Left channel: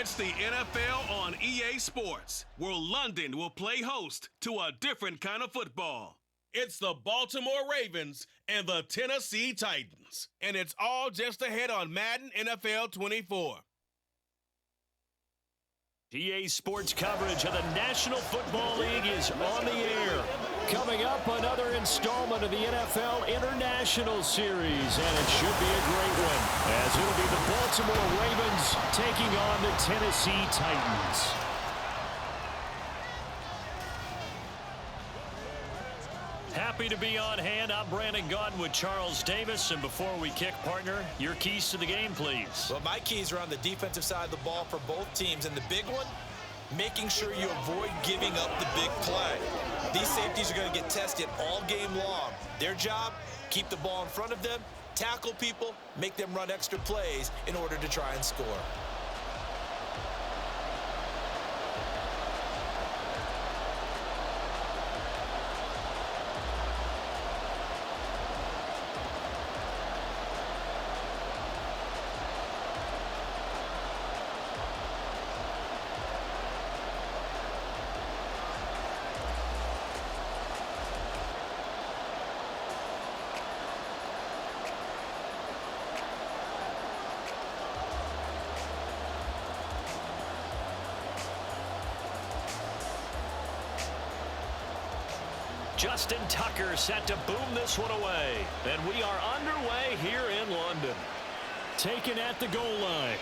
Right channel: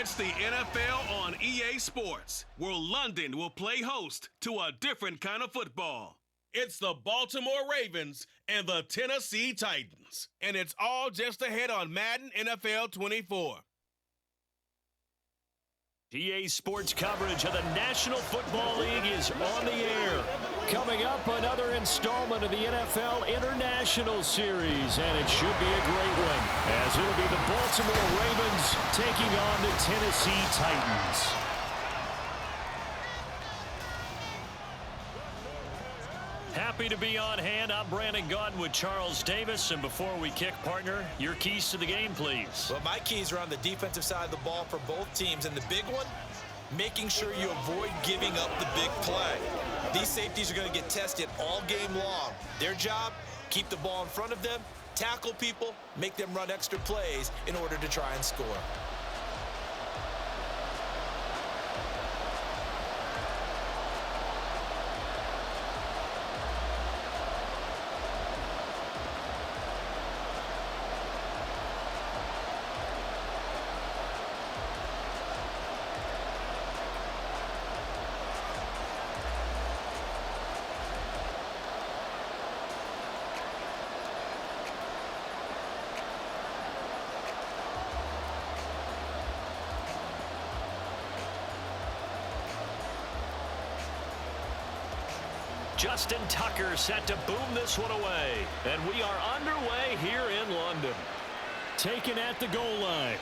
It's the NFL on EA Sports, where London will play host to a different kind of football. It's the Baltimore Ravens and the Tennessee Titans. And it's all just ahead on Madden NFL 24. EA Sports coverage of the National Football League is on the air. Coming up, another installment of the NFL International Series, and it should be a great one, as it'll be the Baltimore Ravens taking on the Tennessee Titans. Happy to be on hand. I'm Brandon Gaudin with Charles Davis. And before we kick, partner, your keys to the game, please. Well, my keys are on the defensive side of the ball for both teams. And the big one, making sure you avoid giving up the big play. These safeties are going to get tested all game long. Their job, keep the ball in front of them, tackle people, make them run extra plays in order to try and score. Justin Tucker set to boom this one away. And we are underway here in London. Taken at the goal line.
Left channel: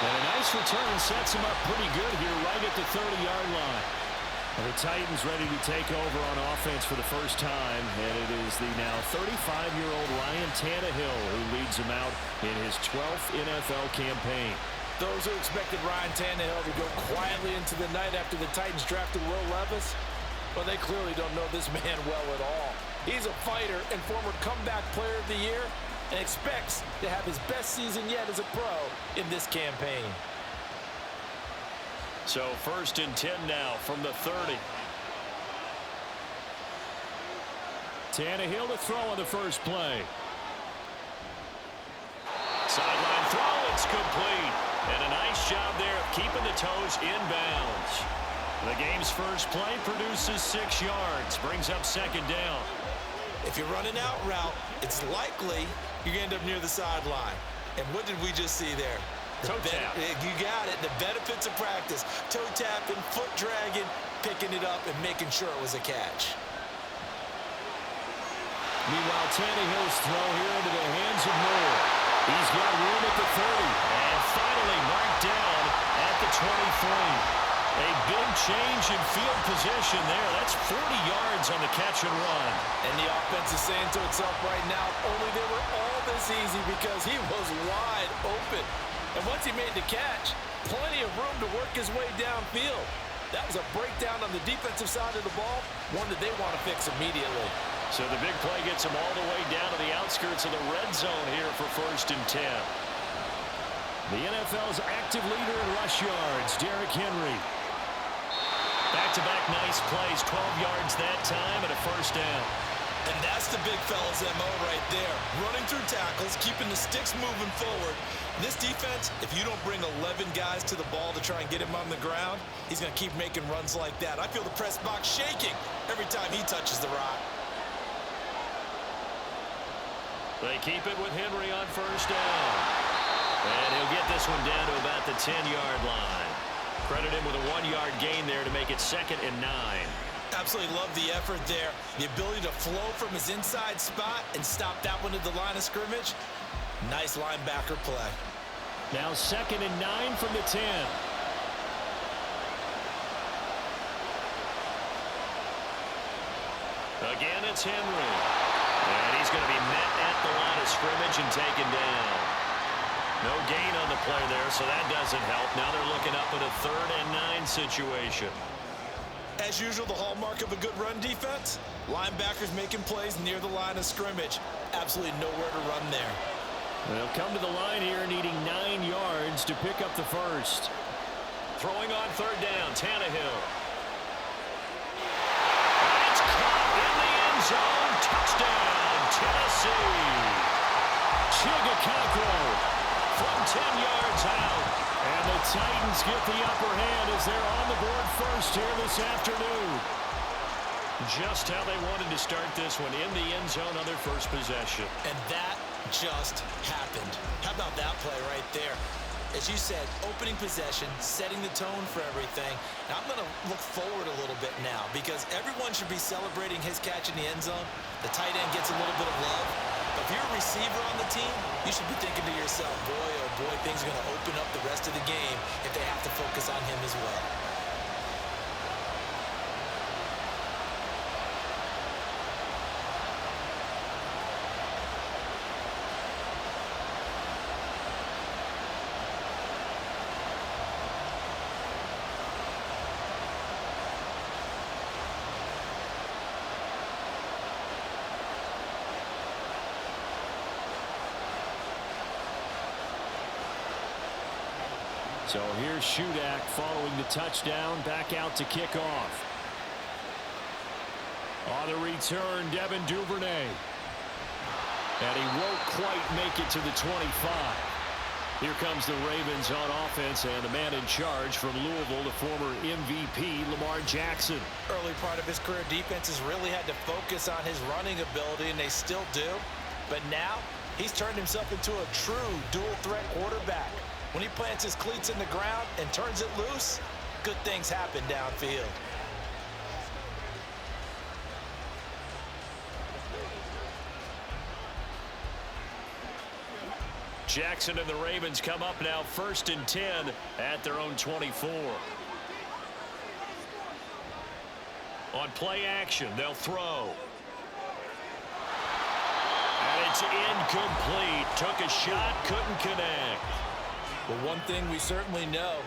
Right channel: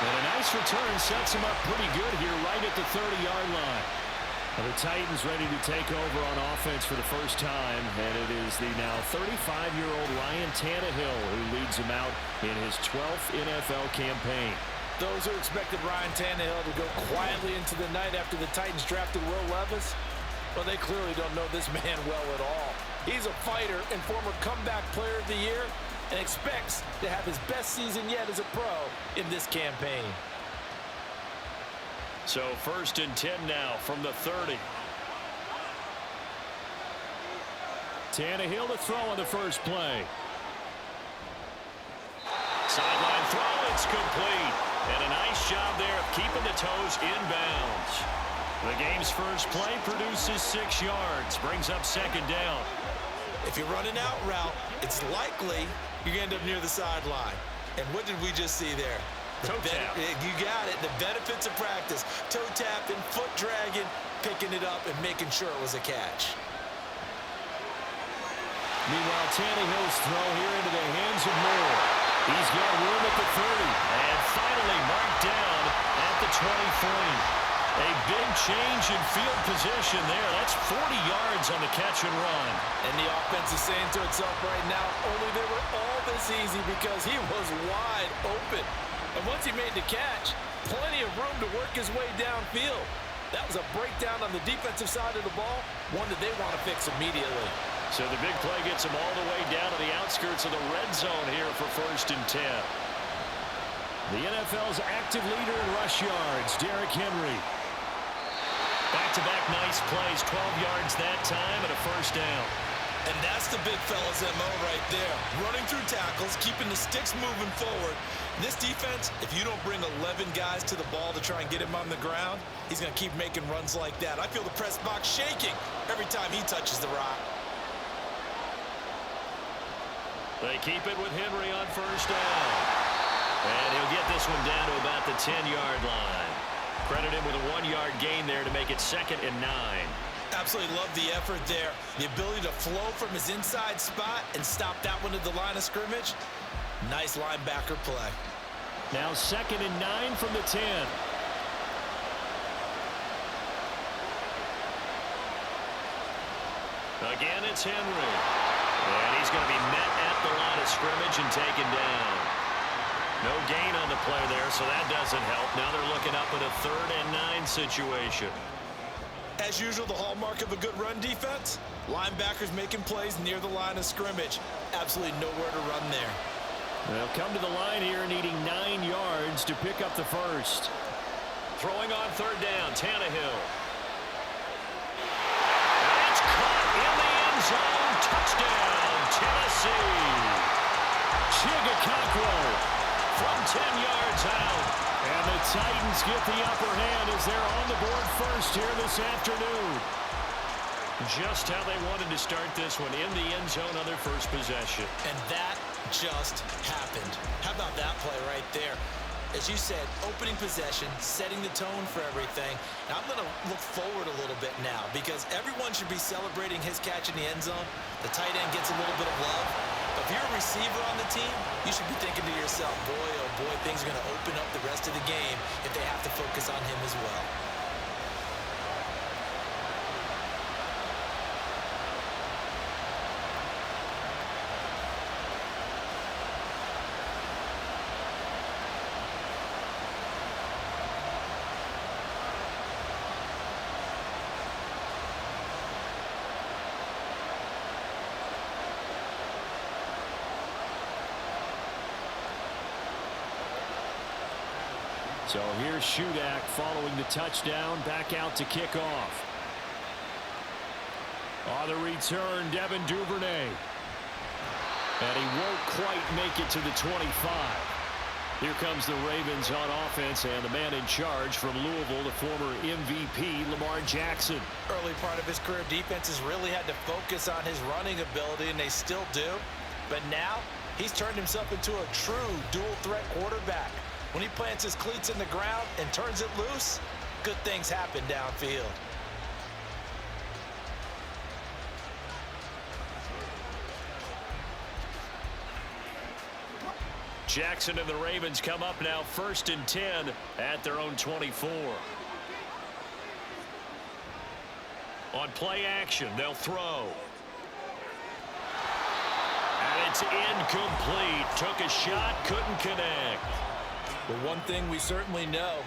And a nice return sets him up pretty good here right at the 30-yard line. Well, the Titans ready to take over on offense for the first time. And it is the now 35-year-old Ryan Tannehill who leads him out in his 12th NFL campaign. Those who expected Ryan Tannehill to go quietly into the night after the Titans drafted Will Levis, well, they clearly don't know this man well at all. He's a fighter and former comeback player of the year and expects to have his best season yet as a pro in this campaign. So 1st and 10 now from the 30. Tannehill to throw on the first play. Sideline throw, it's complete. And a nice job there of keeping the toes inbounds. The game's first play produces 6 yards, brings up 2nd down. If you run an out route, it's likely you're going to end up near the sideline. And what did we just see there? Toe tap. You got it. The benefits of practice. Toe tapping, foot dragging, picking it up, and making sure it was a catch. Meanwhile, Tannehill's throw here into the hands of Moore. He's got room at the 30. And finally marked down at the 23. A big change in field position there. That's 40 yards on the catch and run. And the offense is saying to itself right now, only they were all this easy because he was wide open. And once he made the catch, plenty of room to work his way downfield. That was a breakdown on the defensive side of the ball, one that they want to fix immediately. So the big play gets him all the way down to the outskirts of the red zone here for 1st and 10. The NFL's active leader in rush yards, Derrick Henry. Back-to-back nice plays, 12 yards that time and a 1st down. And that's the big fella's MO right there. Running through tackles, keeping the sticks moving forward. This defense, if you don't bring 11 guys to the ball to try and get him on the ground, he's going to keep making runs like that. I feel the press box shaking every time he touches the rock. They keep it with Henry on 1st down. And he'll get this one down to about the 10-yard line. Credit him with a 1-yard gain there to make it 2nd and 9. Absolutely love the effort there. The ability to flow from his inside spot and stop that one at the line of scrimmage. Nice linebacker play. Now 2nd and 9 from the 10. Again, it's Henry. And he's going to be met at the line of scrimmage and taken down. No gain on the play there, so that doesn't help. Now they're looking up at a 3rd and 9 situation. As usual, the hallmark of a good run defense, linebackers making plays near the line of scrimmage. Absolutely nowhere to run there. They'll come to the line here needing 9 yards to pick up the 1st. Throwing on 3rd down, Tannehill. And it's caught in the end zone. Touchdown, Tennessee. Chigakakwo from 10 yards out. And the Titans get the upper hand as they're on the board first here this afternoon. Just how they wanted to start this one, in the end zone on their first possession. And that just happened. How about that play right there? As you said, opening possession, setting the tone for everything. And I'm going to look forward a little bit now because everyone should be celebrating his catch in the end zone. The tight end gets a little bit of love. But if you're a receiver on the team, you should be thinking to yourself, boy, oh boy, things are going to open up the rest of the game if they have to focus on him as well. So here's Shudak following the touchdown, back out to kick off. On the return, Devin Duvernay. And he won't quite make it to the 25. Here comes the Ravens on offense, and the man in charge from Louisville, the former MVP, Lamar Jackson. Early part of his career, defenses really had to focus on his running ability, and they still do. But now, he's turned himself into a true dual-threat quarterback. When he plants his cleats in the ground and turns it loose, good things happen downfield. Jackson and the Ravens come up now 1st and 10 at their own 24. On play action, they'll throw. And it's incomplete. Took a shot, couldn't connect. But one thing we certainly know,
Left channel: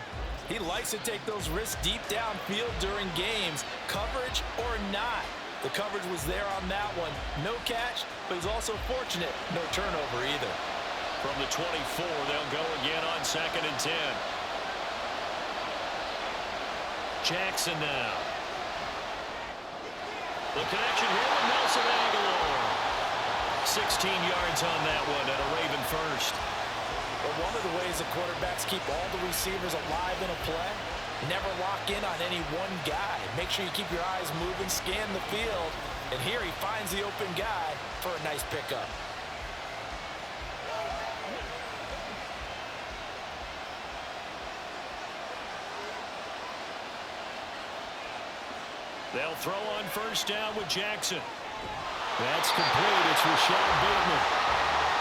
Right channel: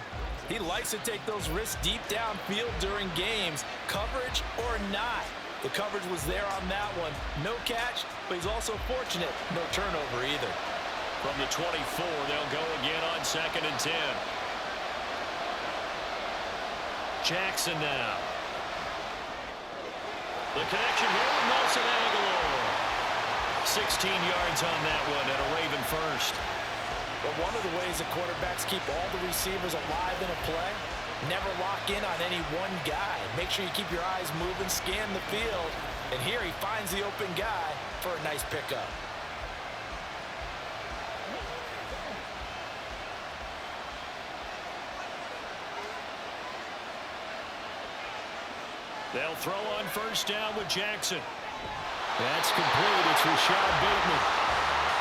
he likes to take those risks deep downfield during games, coverage or not. The coverage was there on that one. No catch, but he's also fortunate. No turnover either. From the 24, they'll go again on 2nd and 10. Jackson now. The connection here with Nelson Aguilar. 16 yards on that one and a Raven first. But one of the ways that quarterbacks keep all the receivers alive in a play, never lock in on any one guy. Make sure you keep your eyes moving, scan the field, and here he finds the open guy for a nice pickup. They'll throw on 1st down with Jackson. That's complete. It's Rashad Bateman.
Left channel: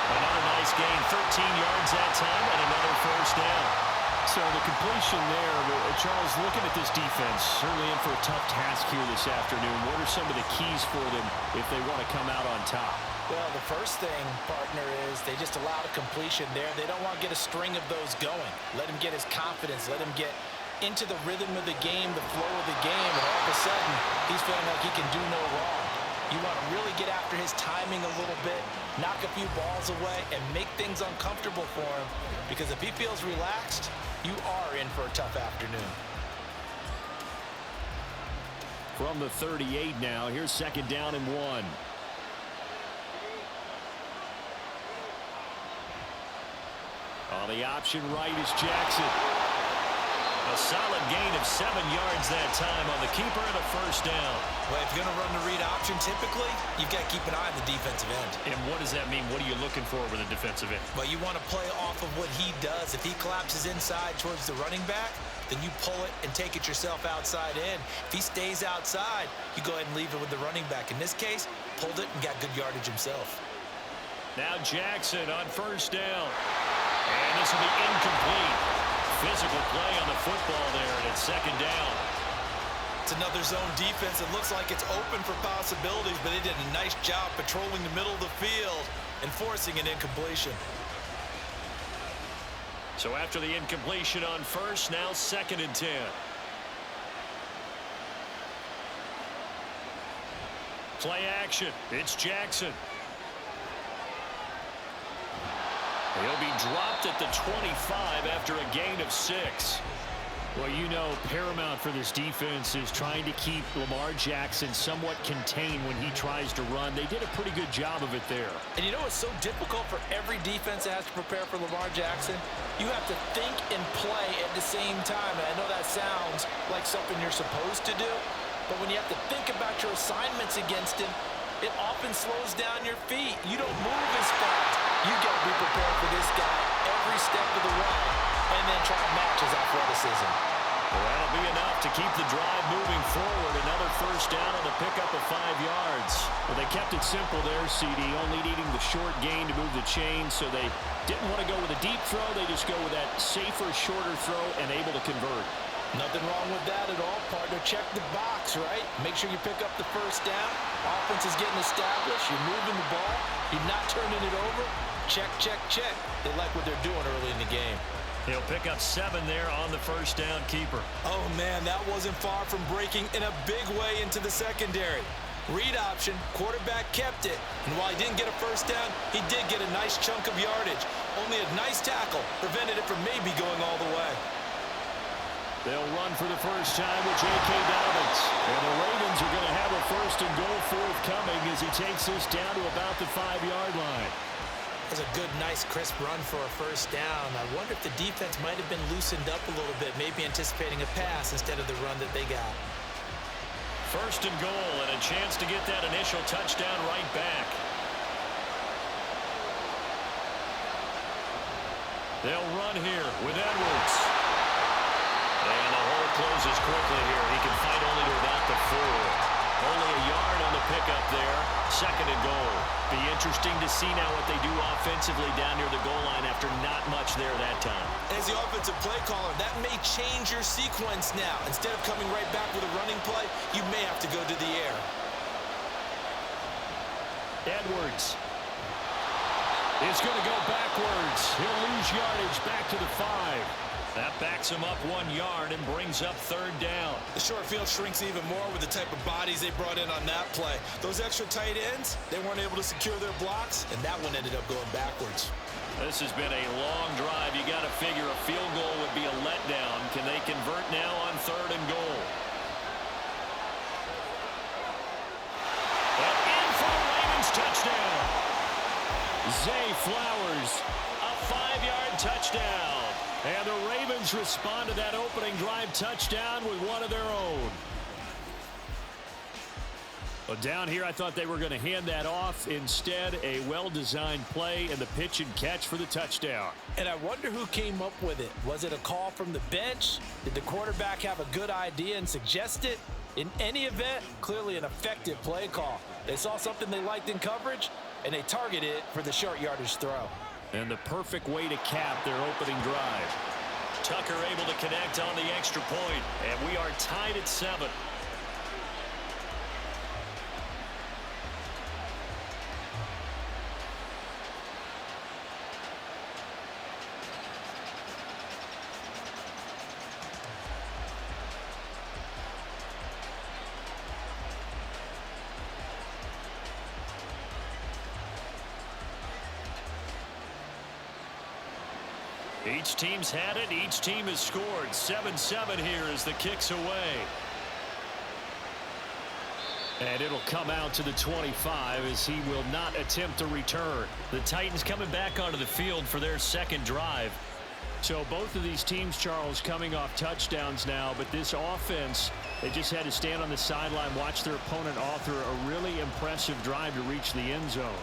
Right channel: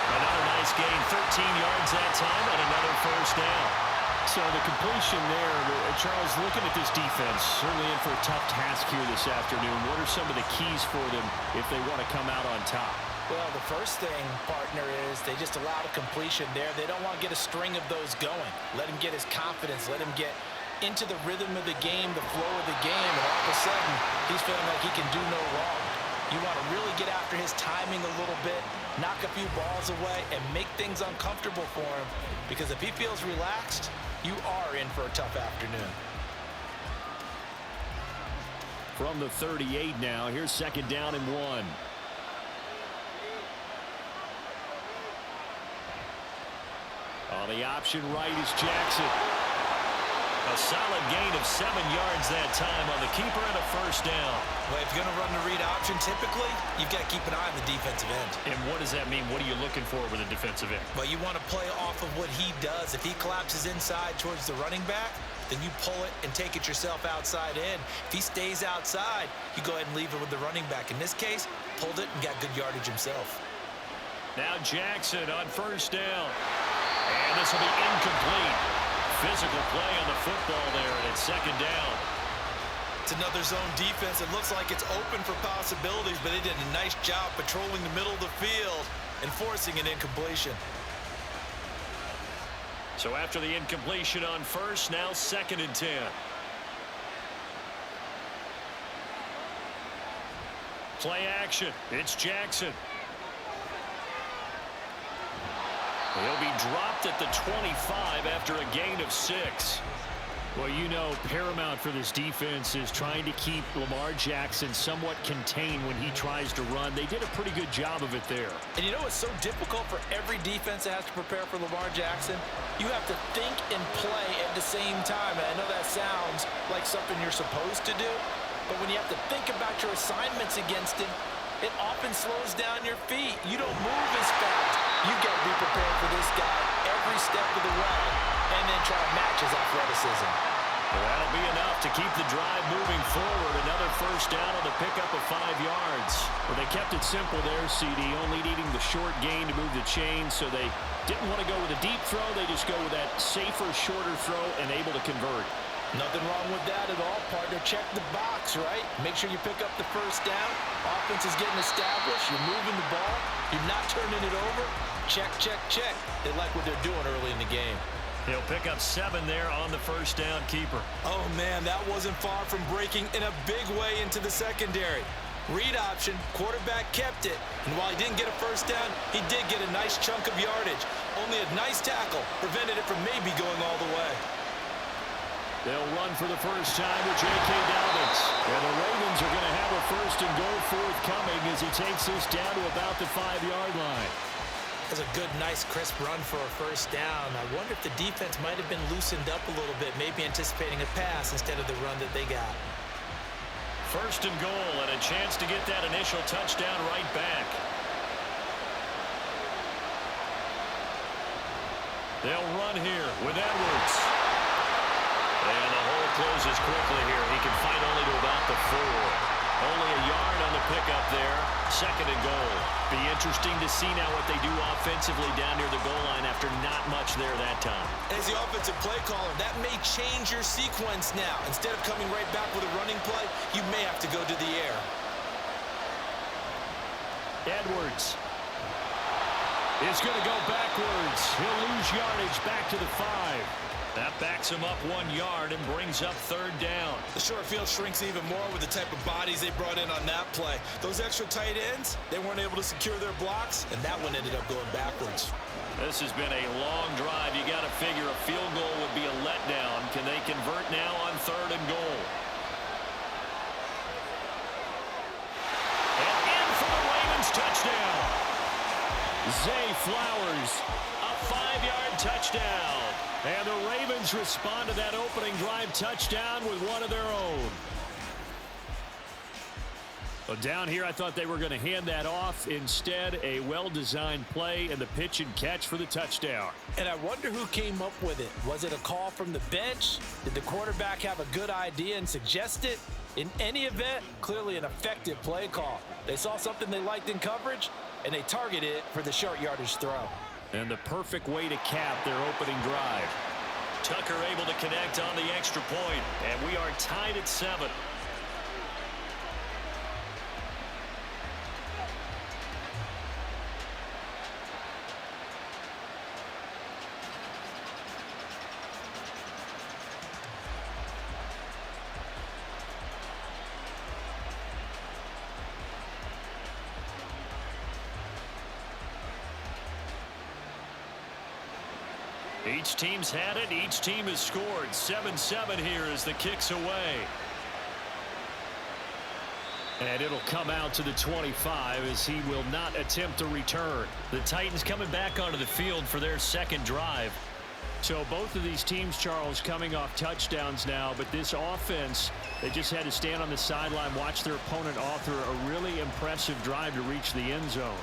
Another nice gain, 13 yards that time, and another 1st down. So the completion there, Charles, looking at this defense, certainly in for a tough task here this afternoon. What are some of the keys for them if they want to come out on top? Well, the first thing, partner, is they just allowed a completion there. They don't want to get a string of those going. Let him get his confidence. Let him get into the rhythm of the game, the flow of the game, and all of a sudden, he's feeling like he can do no wrong. You want to really get after his timing a little bit, knock a few balls away, and make things uncomfortable for him. Because if he feels relaxed, you are in for a tough afternoon. From the 38 now, here's 2nd down and 1. On the option right is Jackson. A solid gain of 7 yards that time on the keeper and a 1st down. Well, if you're going to run the read option, typically, you've got to keep an eye on the defensive end. And what does that mean? What are you looking for with a defensive end? Well, you want to play off of what he does. If he collapses inside towards the running back, then you pull it and take it yourself outside in. If he stays outside, you go ahead and leave it with the running back. In this case, pulled it and got good yardage himself. Now Jackson on 1st down. And this will be incomplete. Physical play on the football there, and it's 2nd down. It's another zone defense. It looks like it's open for possibilities, but they did a nice job patrolling the middle of the field and forcing an incompletion. So after the incompletion on 1st, now 2nd and 10. Play action. It's Jackson. He'll be dropped at the 25 after a gain of 6. Well, you know, paramount for this defense is trying to keep Lamar Jackson somewhat contained when he tries to run. They did a pretty good job of it there. And you know what's so difficult for every defense that has to prepare for Lamar Jackson? You have to think and play at the same time. And I know that sounds like something you're supposed to do, but when you have to think about your assignments against him, it often slows down your feet. You don't move as fast. You got to be prepared for this guy every step of the way and then try to match his athleticism. Well, that'll be enough to keep the drive moving forward. Another first down on the pickup of 5 yards. Well, they kept it simple there, CD, only needing the short gain to move the chain, so they didn't want to go with a deep throw. They just go with that safer, shorter throw and able to convert. Nothing wrong with that at all, partner. Check the box, right? Make sure you pick up the first down. Offense is getting established. You're moving the ball. You're not turning it over. Check, check, check. They like what they're doing early in the game. He'll pick up 7 there on the first down keeper. Oh, man, that wasn't far from breaking in a big way into the secondary. Read option, quarterback kept it. And while he didn't get a first down, he did get a nice chunk of yardage. Only a nice tackle prevented it from maybe going all the way. They'll run for the first time with J.K. Dobbins. And the Ravens are going to have a first and goal forthcoming as he takes this down to about the 5-yard line. That's a good, nice, crisp run for a first down. I wonder if the defense might have been loosened up a little bit, maybe anticipating a pass instead of the run that they got. First and goal, and a chance to get that initial touchdown right back. They'll run here with Edwards. And the hole closes quickly here. He can fight only to about the 4. Only a yard on the pickup there. Second and goal. Be interesting to see now what they do offensively down near the goal line after not much there that time. As the offensive play caller, that may change your sequence now. Instead of coming right back with a running play, you may have to go to the air. Edwards is going to go backwards. He'll lose yardage back to the 5. That backs him up 1 yard and brings up third down. The short field shrinks even more with the type of bodies they brought in on that play. Those extra tight ends, they weren't able to secure their blocks, and that one ended up going backwards. This has been a long drive. You got to figure a field goal would be a letdown. Can they convert now on third and goal? And in for the Ravens touchdown. Zay Flowers, a 5-yard touchdown. And the Ravens respond to that opening drive touchdown with one of their own. Well, down here, I thought they were going to hand that off. Instead, a well-designed play and the pitch and catch for the touchdown. And I wonder who came up with it. Was it a call from the bench? Did the quarterback have a good idea and suggest it? In any event, clearly an effective play call. They saw something they liked in coverage, and they targeted it for the short yardage throw. And the perfect way to cap their opening drive. Tucker able to connect on the extra point, and we are tied at 7. Each team's had it. Each team has scored. 7-7 here as the kick's away. And it'll come out to the 25 as he will not attempt to return. The Titans coming back onto the field for their second drive. So both of these teams, Charles, coming off touchdowns now, but this offense, they just had to stand on the sideline, watch their opponent author a really impressive drive to reach the end zone.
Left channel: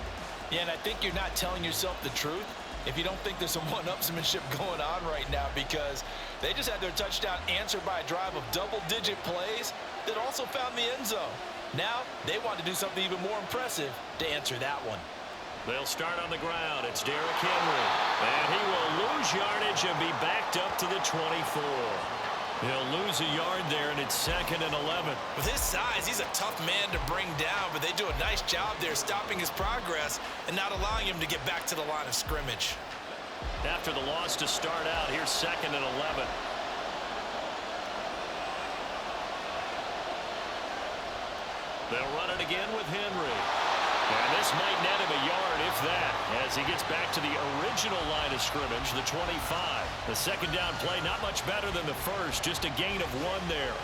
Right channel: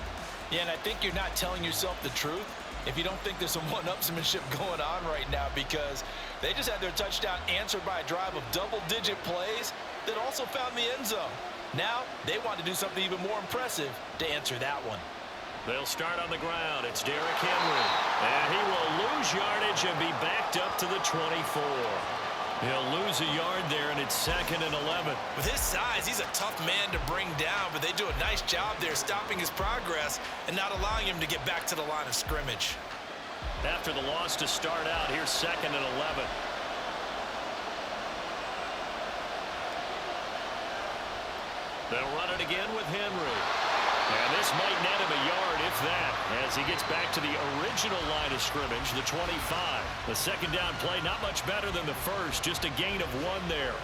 Yeah, and I think you're not telling yourself the truth if you don't think there's some one-upsmanship going on right now, because they just had their touchdown answered by a drive of double-digit plays that also found the end zone. Now they want to do something even more impressive to answer that one. They'll start on the ground. It's Derrick Henry. And he will lose yardage and be backed up to the 24. He'll lose a yard there, and it's 2nd and 11. With his size, he's a tough man to bring down, but they do a nice job there stopping his progress and not allowing him to get back to the line of scrimmage. After the loss to start out, here's 2nd and 11. They'll run it again with Henry. And this might net him a yard, if that, as he gets back to the original line of scrimmage, the 25. The second down play, not much better than the first, just a gain of 1 there.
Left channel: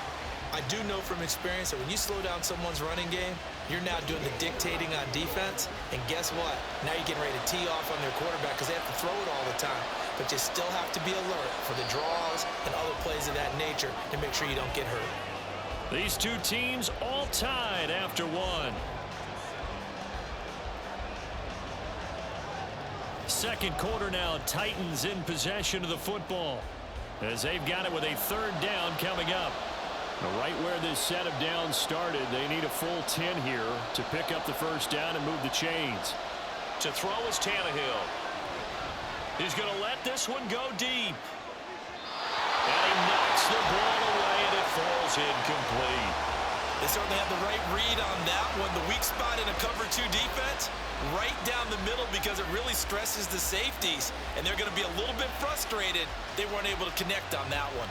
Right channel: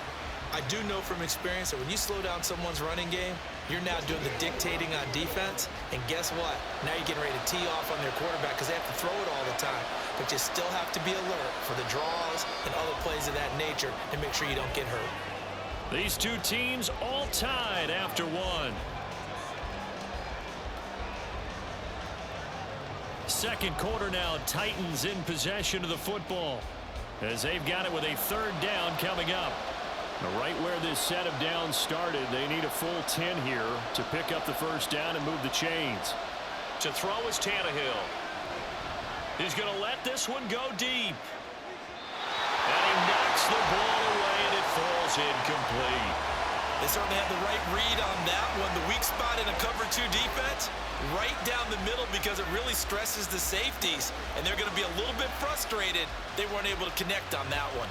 I do know from experience that when you slow down someone's running game, you're now doing the dictating on defense. And guess what? Now you're getting ready to tee off on their quarterback because they have to throw it all the time. But you still have to be alert for the draws and other plays of that nature to make sure you don't get hurt. These two teams all tied after 1. Second quarter now, Titans in possession of the football as they've got it with a third down coming up. Right where this set of downs started, they need a full 10 here to pick up the first down and move the chains. To throw is Tannehill. He's going to let this one go deep. And he knocks the ball away, and it falls incomplete. They certainly had the right read on that one. The weak spot in a cover 2 defense, right down the middle because it really stresses the safeties. And they're going to be a little bit frustrated they weren't able to connect on that one.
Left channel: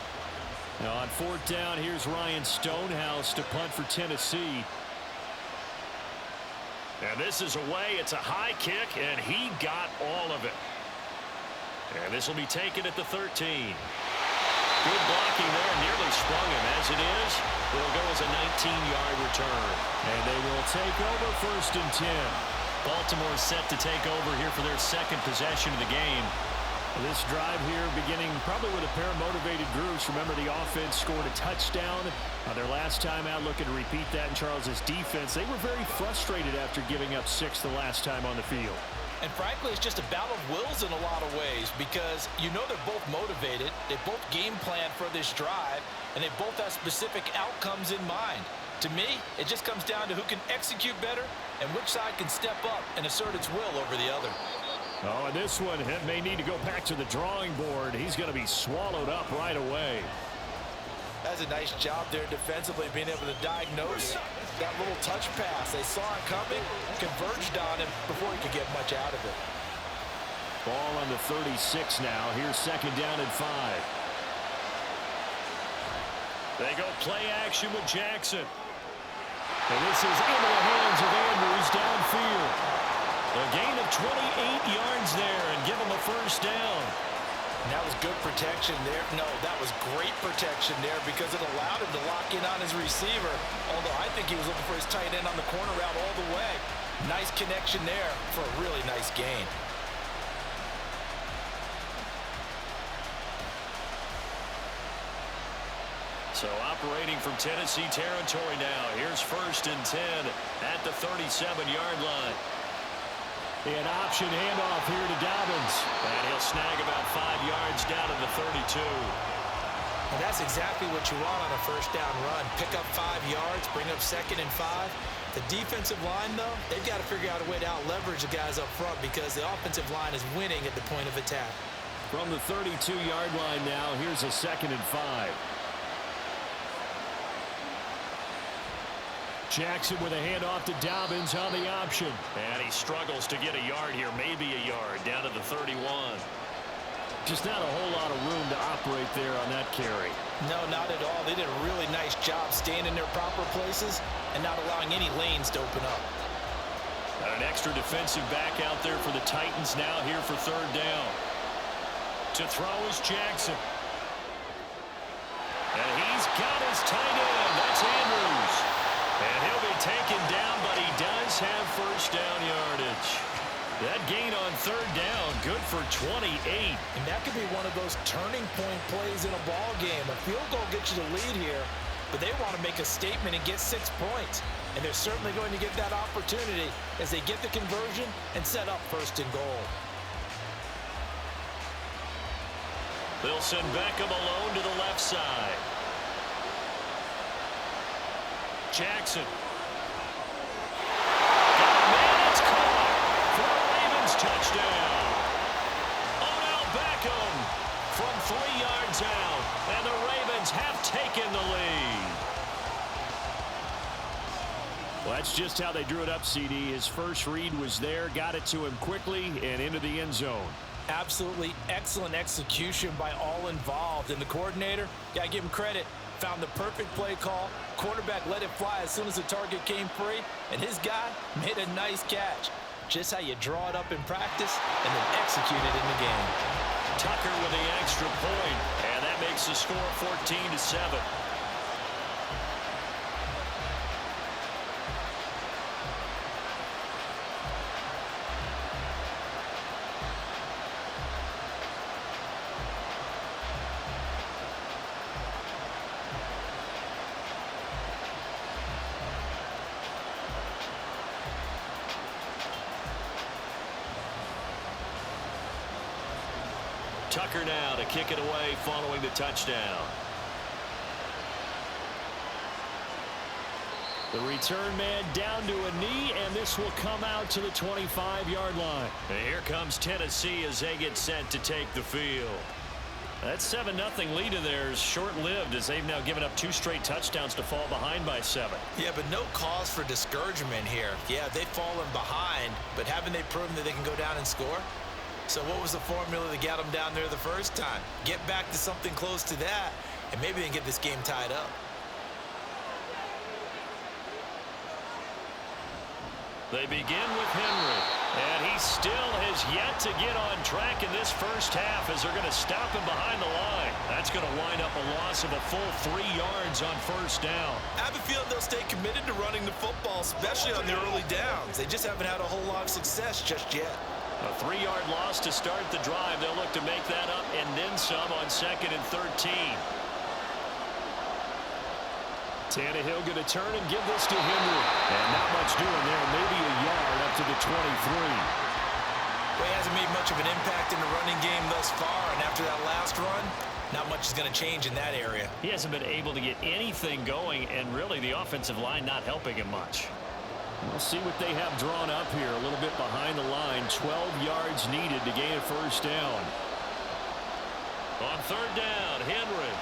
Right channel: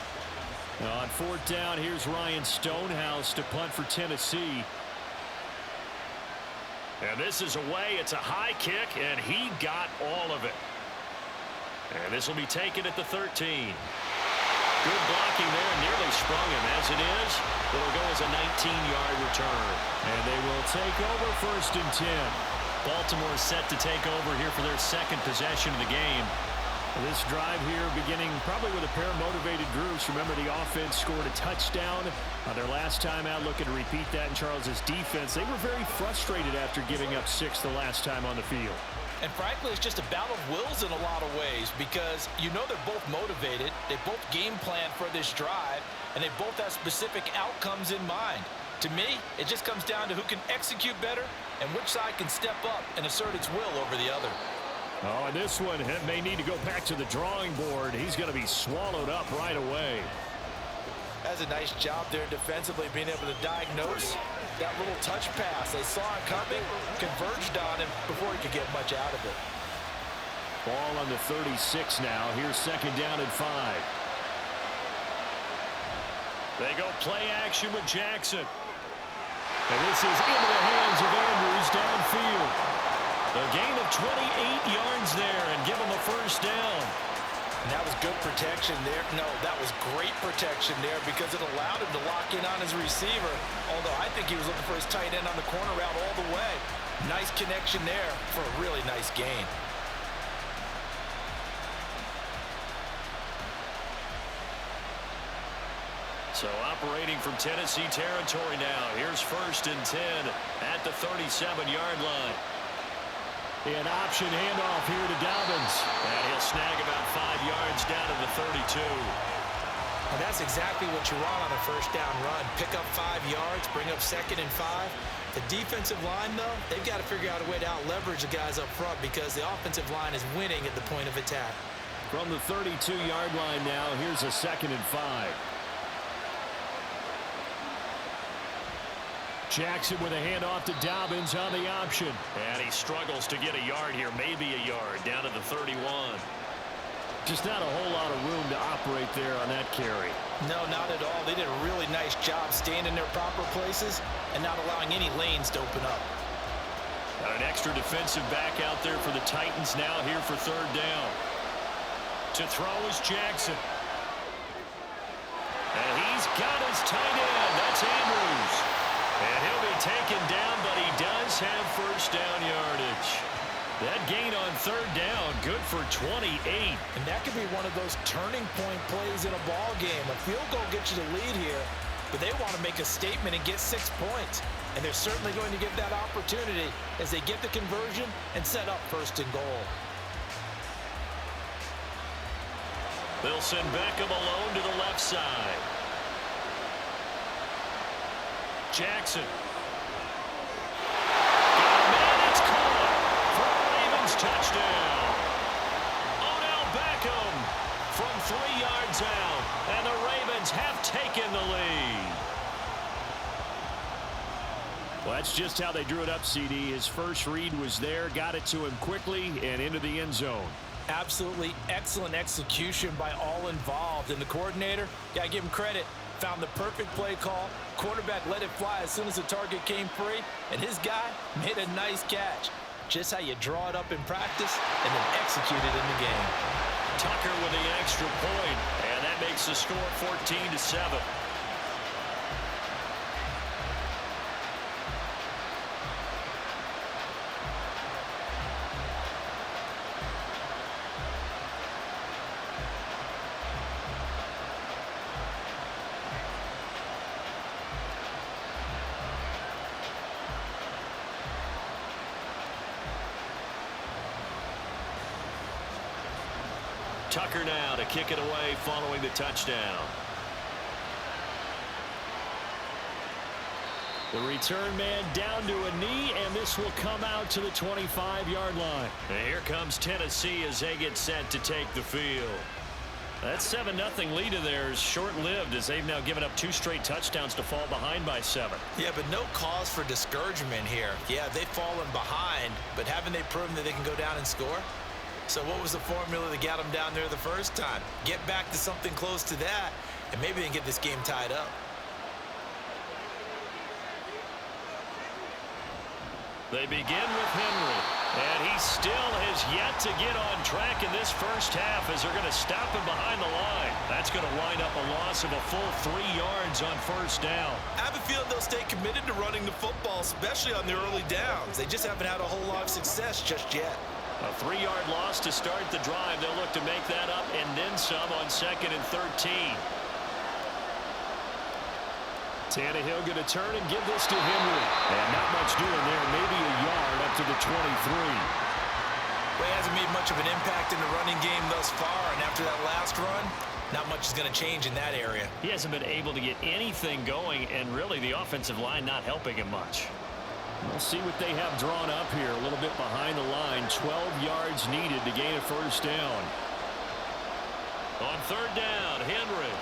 Now on fourth down, here's Ryan Stonehouse to punt for Tennessee. And this is away. It's a high kick, and he got all of it. And this will be taken at the 13. Good blocking there, nearly sprung him. As it is, it'll go as a 19-yard return. And they will take over 1st and 10. Baltimore set to take over here for their second possession of the game. This drive here beginning probably with a pair of motivated groups. Remember, the offense scored a touchdown their last time out. Looking to repeat that in Charles's defense. They were very frustrated after giving up 6 the last time on the field. And frankly, it's just a battle of wills in a lot of ways because you know they're both motivated. They both game plan for this drive, and they both have specific outcomes in mind. To me, it just comes down to who can execute better and which side can step up and assert its will over the other. Oh, and this one may need to go back to the drawing board. He's going to be swallowed up right away. That's a nice job there defensively, being able to diagnose that little touch pass. They saw it coming, converged on him before he could get much out of it. Ball on the 36 now. Here's second down and 5. They go play action with Jackson. And this is into the hands of Andrews downfield. A gain of 28 yards there and give him a first down. And that was good protection there. No, that was great protection there because it allowed him to lock in on his receiver. Although I think he was looking for his tight end on the corner route all the way. Nice connection there for a really nice gain. So operating from Tennessee territory now. Here's 1st and 10 at the 37-yard line. An option handoff here to Dobbins. And he'll snag about 5 yards down to the 32. And that's exactly what you want on a first down run. Pick up 5 yards, bring up 2nd and 5. The defensive line, though, they've got to figure out a way to out-leverage the guys up front because the offensive line is winning at the point of attack. From the 32-yard line now, here's a 2nd and 5. Jackson with a handoff to Dobbins on the option. And he struggles to get a yard here, maybe a yard, down to the 31. Just not a whole lot of room to operate there on that carry. No, not at all. They did a really nice job staying in their proper places and not allowing any lanes to open up. Got an extra defensive back out there for the Titans now here for 3rd down. To throw is Jackson. And he's got his tight end. That's Andrews. And he'll be taken down, but he does have first down yardage. That gain on 3rd down, good for 28. And that could be one of those turning point plays in a ball game. A field goal gets you the lead here, but they want to make a statement and get 6 points. And they're certainly going to get that opportunity as they get the conversion and set up 1st and goal. They'll send Beckham alone to the left side. Jackson. Got a man, it's caught for a Ravens touchdown. Odell Beckham from 3 yards out, and the Ravens have taken the lead. Well, that's just how they drew it up, CD. His first read was there, got it to him quickly, and into the end zone. Absolutely excellent execution by all involved. And the coordinator, got to give him credit. found the perfect play call. Quarterback let it fly as soon as the target came free, and his guy made a nice catch. Just how you draw it up in practice and then execute it in the game. Tucker with the extra point, and that makes the score 14-7. Tucker now to kick it away following the touchdown. The return man down to a knee, and this will come out to the 25-yard line. And here comes Tennessee as they get set to take the field. That 7-0 lead of theirs short-lived as they've now given up 2 straight touchdowns to fall behind by 7. Yeah, but no cause for discouragement here. Yeah, they've fallen behind, but haven't they proven that they can go down and score? So what was the formula that got them down there the first time? Get back to something close to that, and maybe they can get this game tied up. They begin with Henry, and he still has yet to get on track in this first half as they're going to stop him behind the line. That's going to wind up a loss of a full 3 yards on first down. I have a feeling they'll stay committed to running the football, especially on their early downs. They just haven't had a whole lot of success just yet. A 3-yard loss to start the drive. They'll look to make that up and then some on 2nd and 13. Tannehill going to turn and give this to Henry. And not much doing there. Maybe a yard up to the 23. Well, he hasn't made much of an impact in the running game thus far, and after that last run, not much is going to change in that area. He hasn't been able to get anything going, and really the offensive line not helping him much. We'll see what they have drawn up here. A little bit behind the line. 12 yards needed to gain a first down. On 3rd down, Henry.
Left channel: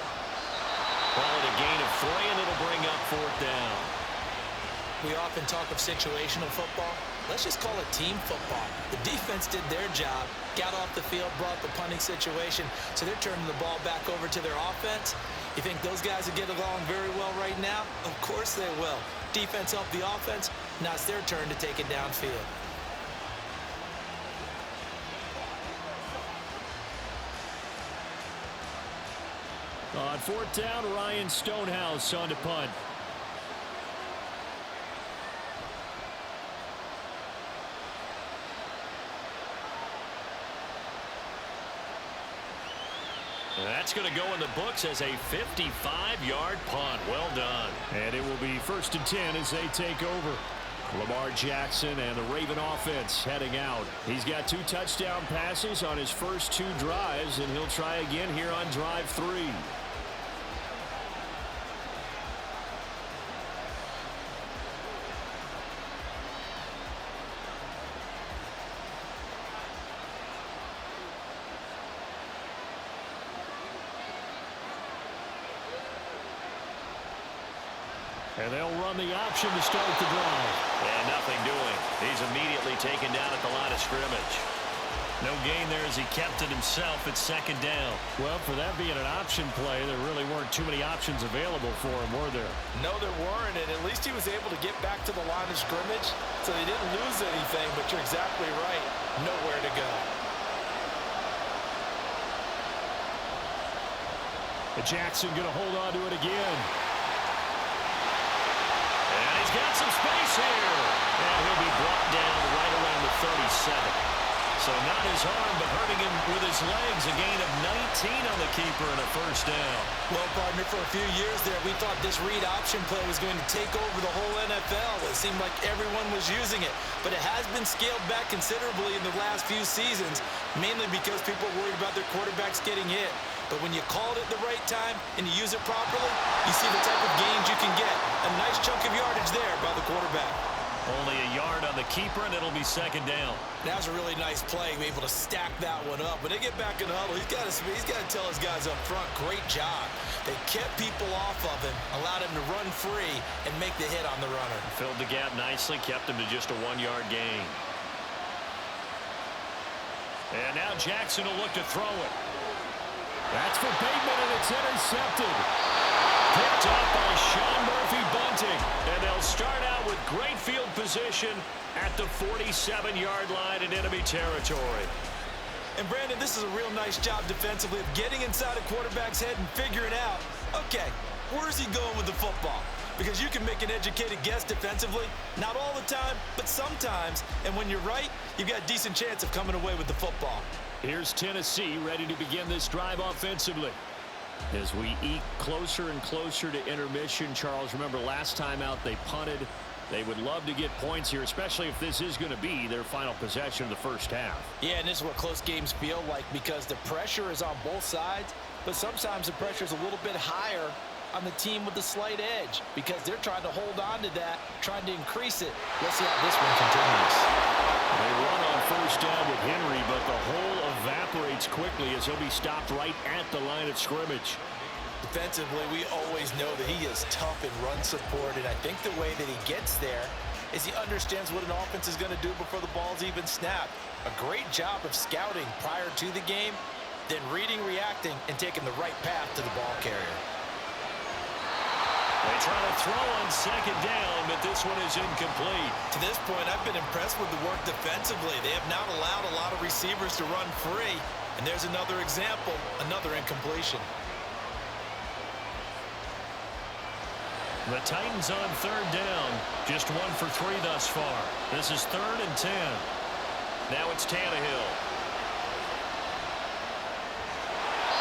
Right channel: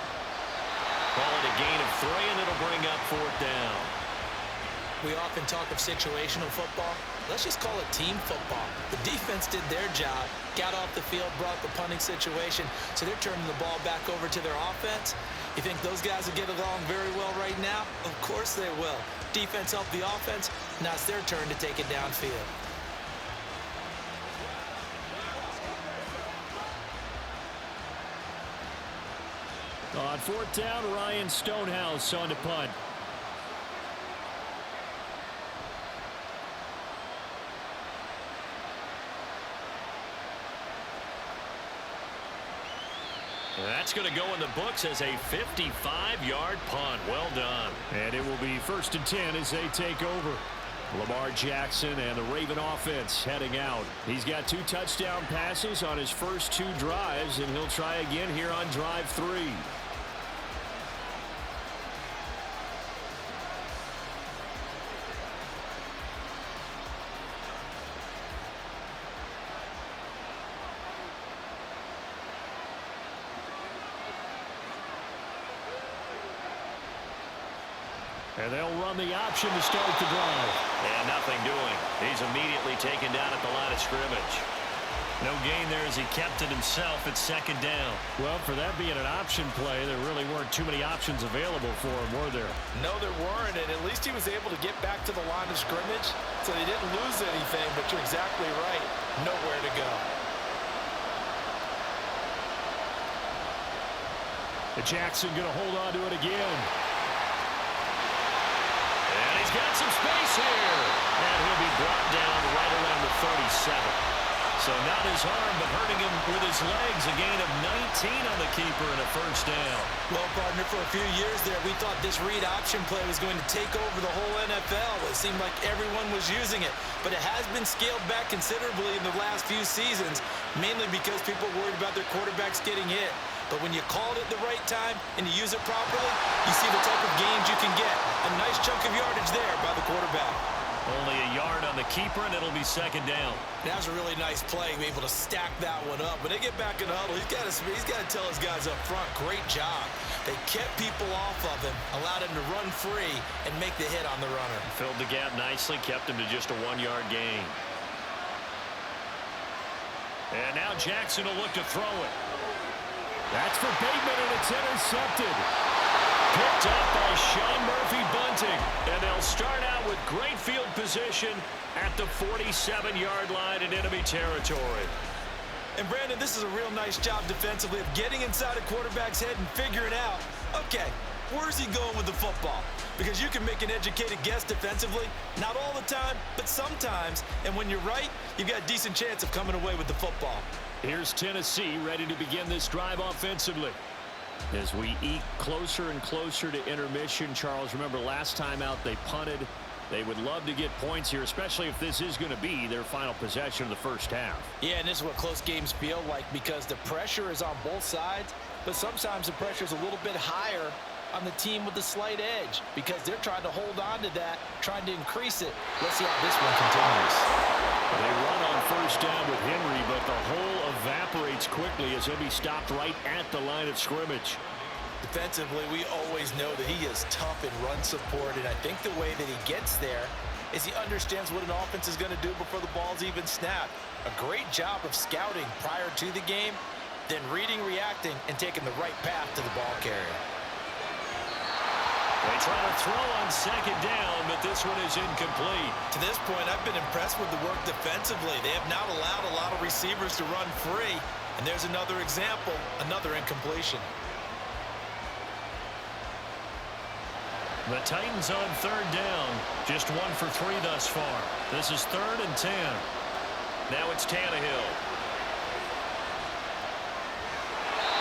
Call it a gain of 3, and it'll bring up 4th down. We often talk of situational football. Let's just call it team football. The defense did their job, got off the field, brought the punting situation, so they're turning the ball back over to their offense. You think those guys will get along very well right now? Of course they will. Defense helped the offense. Now it's their turn to take it downfield. On 4th down, Ryan Stonehouse on to punt. That's going to go in the books as a 55-yard punt. Well done. And it will be 1st and 10 as they take over. Lamar Jackson and the Raven offense heading out. He's got 2 touchdown passes on his first 2 drives, and he'll try again here on drive 3. And they'll run the option to start the drive. And nothing doing. He's immediately taken down at the line of scrimmage. No gain there as he kept it himself at 2nd down. Well, for that being an option play, there really weren't too many options available for him, were there? No, there weren't, and at least he was able to get back to the line of scrimmage, so they didn't lose anything, but you're exactly right. Nowhere to go. Jackson going to hold on to it again. And he's got some space here. And he'll be brought down right around the 37. So not his arm, but hurting him with his legs. A gain of 19 on the keeper and a first down. Well, partner, for a few years there, we thought this read option play was going to take over the whole NFL. It seemed like everyone was using it. But it has been scaled back considerably in the last few seasons, mainly because people are worried about their quarterbacks getting hit. But when you call it at the right time and you use it properly, you see the type of gains you can get. A nice chunk of yardage there by the quarterback. Only a yard on the keeper, and it'll be 2nd down. That was a really nice play, able to stack that one up. When they get back in the huddle, he's got to tell his guys up front, great job. They kept people off of him, allowed him to run free, and make the hit on the runner. Filled the gap nicely, kept him to just a 1-yard gain. And now Jackson will look to throw it. That's for Bateman, and it's intercepted. picked up by Sean Murphy-Bunting. And they'll start out with great field position at the 47-yard line in enemy territory. And Brandon, this is a real nice job defensively of getting inside a quarterback's head and figuring out, okay, where's he going with the football? Because you can make an educated guess defensively, not all the time, but sometimes. And when you're right, you've got a decent chance of coming away with the football. Here's Tennessee ready to begin this drive offensively. As we eke closer and closer to intermission, Charles, remember last time out they punted. They would love to get points here, especially if this is going to be their final possession of the first half. Yeah, and this is what close games feel like because the pressure is on both sides, but sometimes the pressure is a little bit higher on the team with the slight edge because they're trying to hold on to that, trying to increase it. Let's see how this one continues. They run on first down with Henry, but the hole evaporates quickly as he'll be stopped right at the line of scrimmage. Defensively, we always know that he is tough in run support, and I think the way that he gets there is he understands what an offense is going to do before the ball's even snapped. A great job of scouting prior to the game, then reading, reacting, and taking the right path to the ball carrier. They try to throw on second down, but this one is incomplete. To this point, I've been impressed with the work defensively. They have not allowed a lot of receivers to run free, and there's another example, another incompletion. The Titans on third down, just 1 for 3 thus far. This is 3rd and 10. Now it's Tannehill.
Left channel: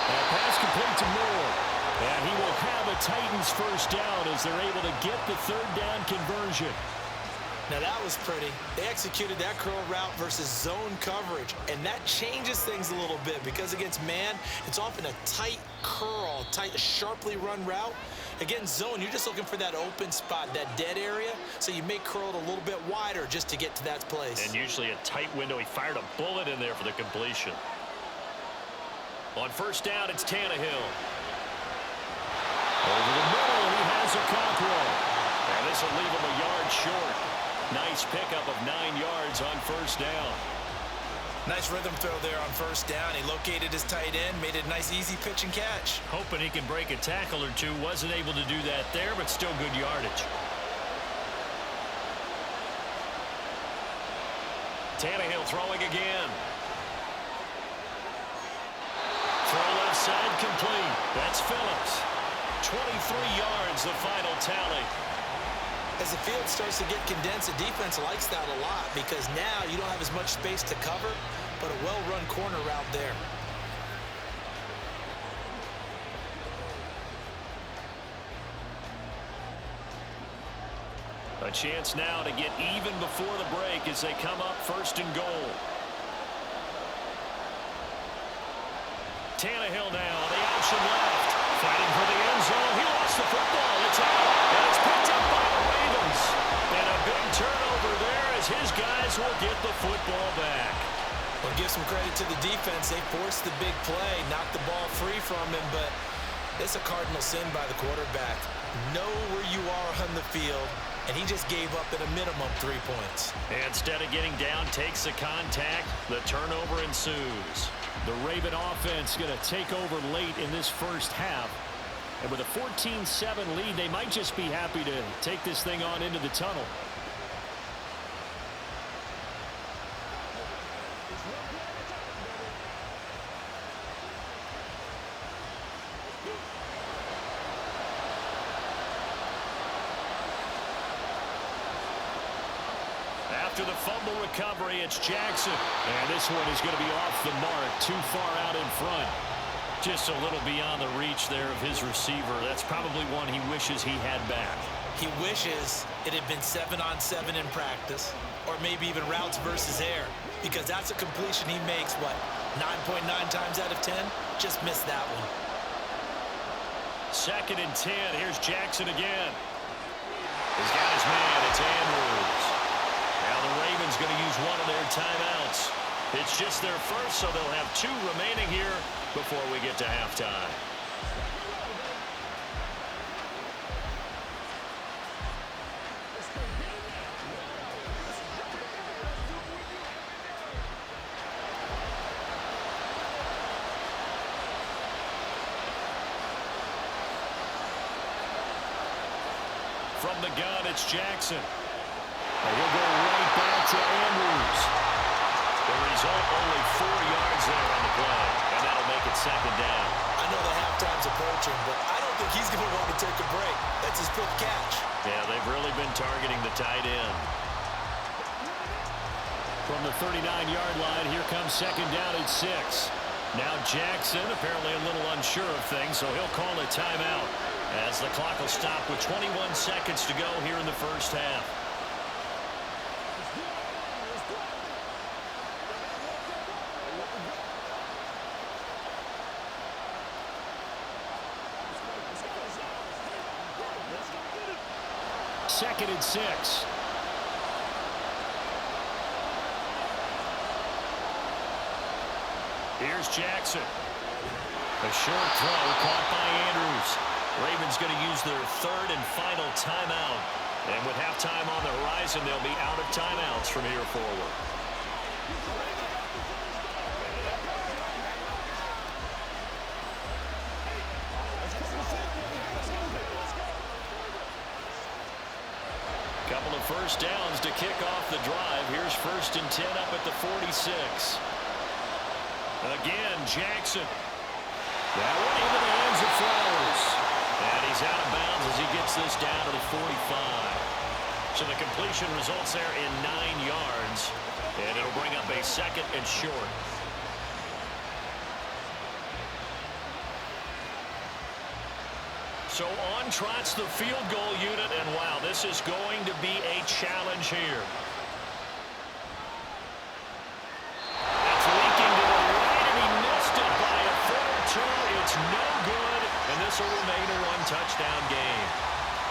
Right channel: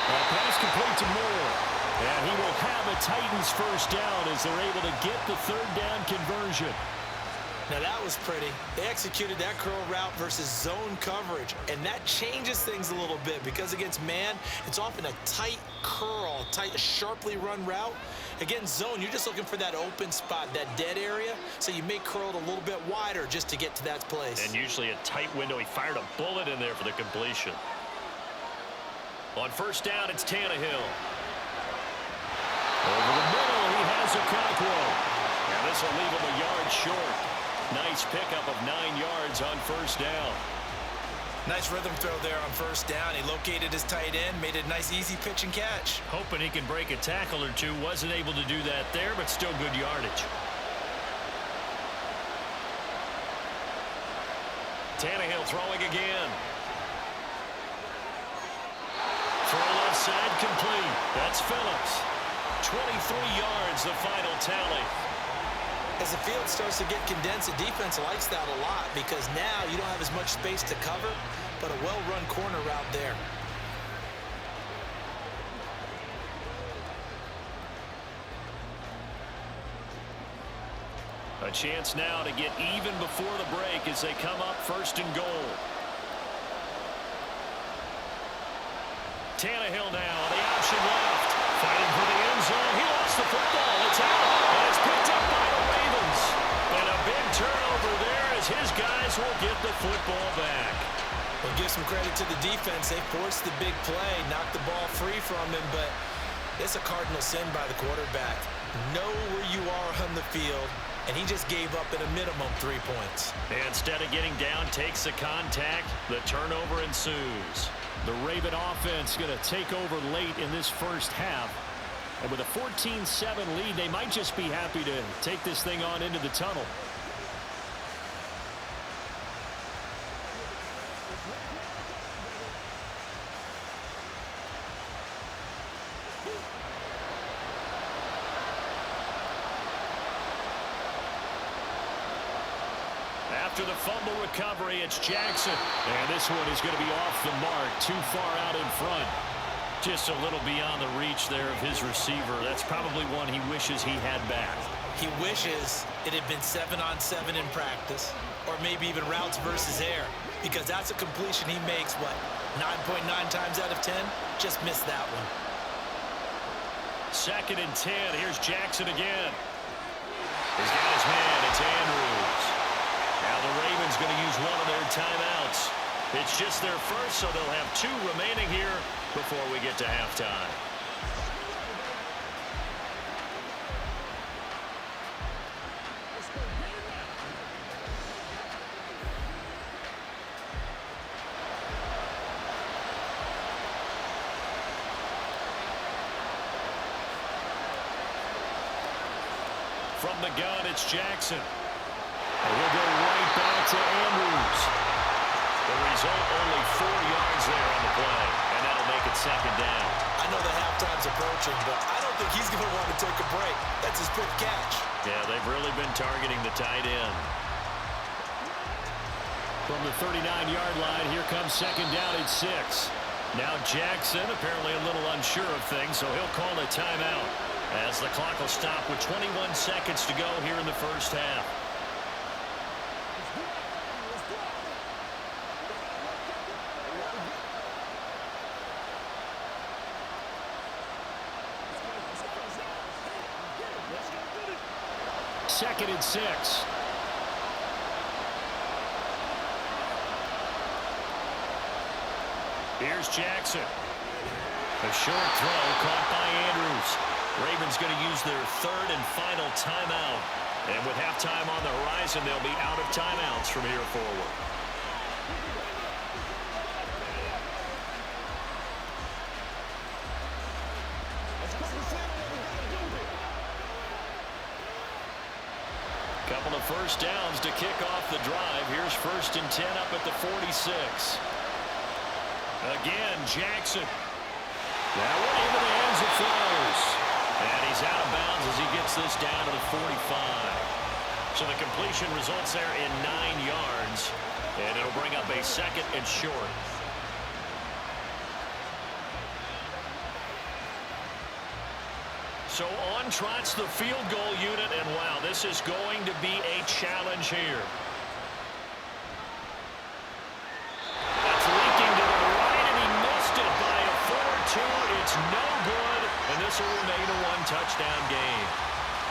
That pass complete to Moore. And he will have a Titans first down as they're able to get the third down conversion. Now that was pretty. They executed that curl route versus zone coverage, and that changes things a little bit because against man, it's often a tight curl, tight, sharply run route. Against zone, you're just looking for that open spot, that dead area, so you may curl it a little bit wider just to get to that place. And usually a tight window. He fired a bullet in there for the completion. On first down, it's Tannehill. Over the middle, he has Okonkwo. Now this will leave him a yard short. Nice pickup of 9 yards on first down. Nice rhythm throw there on first down. He located his tight end, made a nice easy pitch and catch. Hoping he can break a tackle or two. Wasn't able to do that there, but still good yardage. Tannehill throwing again. Throw left side complete. That's Phillips. 23 yards, the final tally. As the field starts to get condensed, the defense likes that a lot because now you don't have as much space to cover, but a well-run corner route there. A chance now to get even before the break as they come up 1st and goal. Tannehill now, the option left. Fighting for the end zone. He lost the football. It's out. And it's picked up by the Ravens. And a big turnover there as his guys will get the football back. Well, give some credit to the defense. They forced the big play, knocked the ball free from him, but it's a cardinal sin by the quarterback. Know where you are on the field, and he just gave up at a minimum 3 points. And instead of getting down, takes the contact. The turnover ensues. The Raven offense going to take over late in this first half. And with a 14-7 lead, they might just be happy to take this thing on into the tunnel. After the fumble recovery, it's Jackson. And this one is going to be off the mark, too far out in front. Just a little beyond the reach there of his receiver. That's probably one he wishes he had back. He wishes it had been 7-on-7 in practice, or maybe even routes versus air, because that's a completion he makes, what, 9.9 times out of 10? Just missed that one. 2nd and 10. Here's Jackson again. He's got his man. It's Andrews. Now the Ravens going to use one of their timeouts. It's just their first, so they'll have 2 remaining here before we get to halftime. from the gun, it's Jackson. And he'll go right back to Andrews. The result, only 4 yards there on the play, and that'll make it second down. I know the halftime's approaching, but I don't think he's going to want to take a break. That's his 5th catch. Yeah, they've really been targeting the tight end. From the 39-yard line, here comes second down at 6. Now Jackson, apparently a little unsure of things, so he'll call a timeout as the clock will stop with 21 seconds to go here in the first half. Second and 6. Here's Jackson. A short throw caught by Andrews. Ravens going to use their 3rd and final timeout. And with halftime on the horizon, they'll be out of timeouts from here forward. Couple of first downs to kick off the drive. Here's 1st and 10 up at the 46. Again, Jackson. That one into the hands of Flowers. And he's out of bounds as he gets this down to the 45. So the completion results there in 9 yards. And it'll bring up a 2nd and short. So on trots the field goal unit, and wow, this is going to be a challenge here. That's leaking to the right, and he missed it by a foot or 2. It's no good, and this will remain a 1-touchdown game.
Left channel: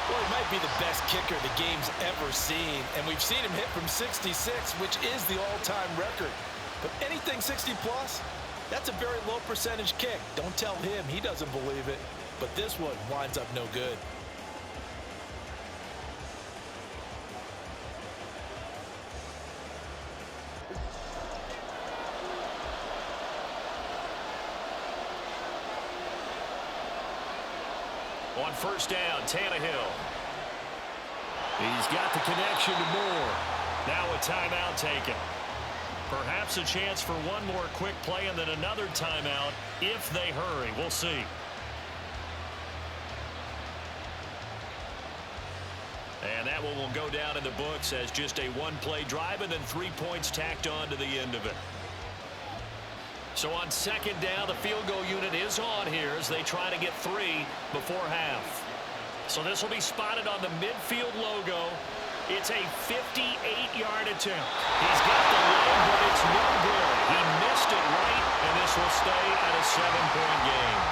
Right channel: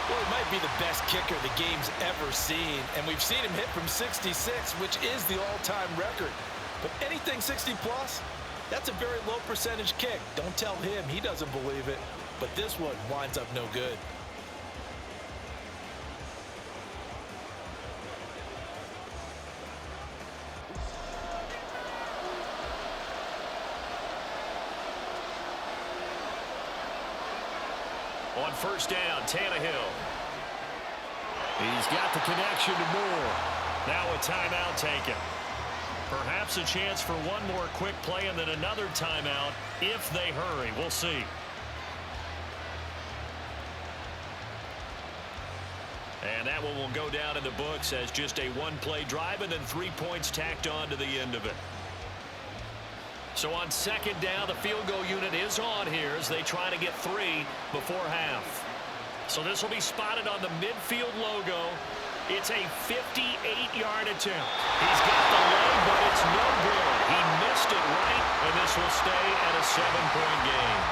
Well, he might be the best kicker the game's ever seen, and we've seen him hit from 66, which is the all-time record. But anything 60-plus, that's a very low percentage kick. Don't tell him he doesn't believe it. But this one winds up no good. On first down, Tannehill. He's got the connection to Moore. Now a timeout taken. Perhaps a chance for one more quick play and then another timeout if they hurry. We'll see. And that one will go down in the books as just a 1-play drive and then 3 points tacked on to the end of it. So on second down, the field goal unit is on here as they try to get 3 before half. So this will be spotted on the midfield logo. It's a 58-yard attempt. He's got the leg, but it's no good. He missed it right, and this will stay at a 7-point game.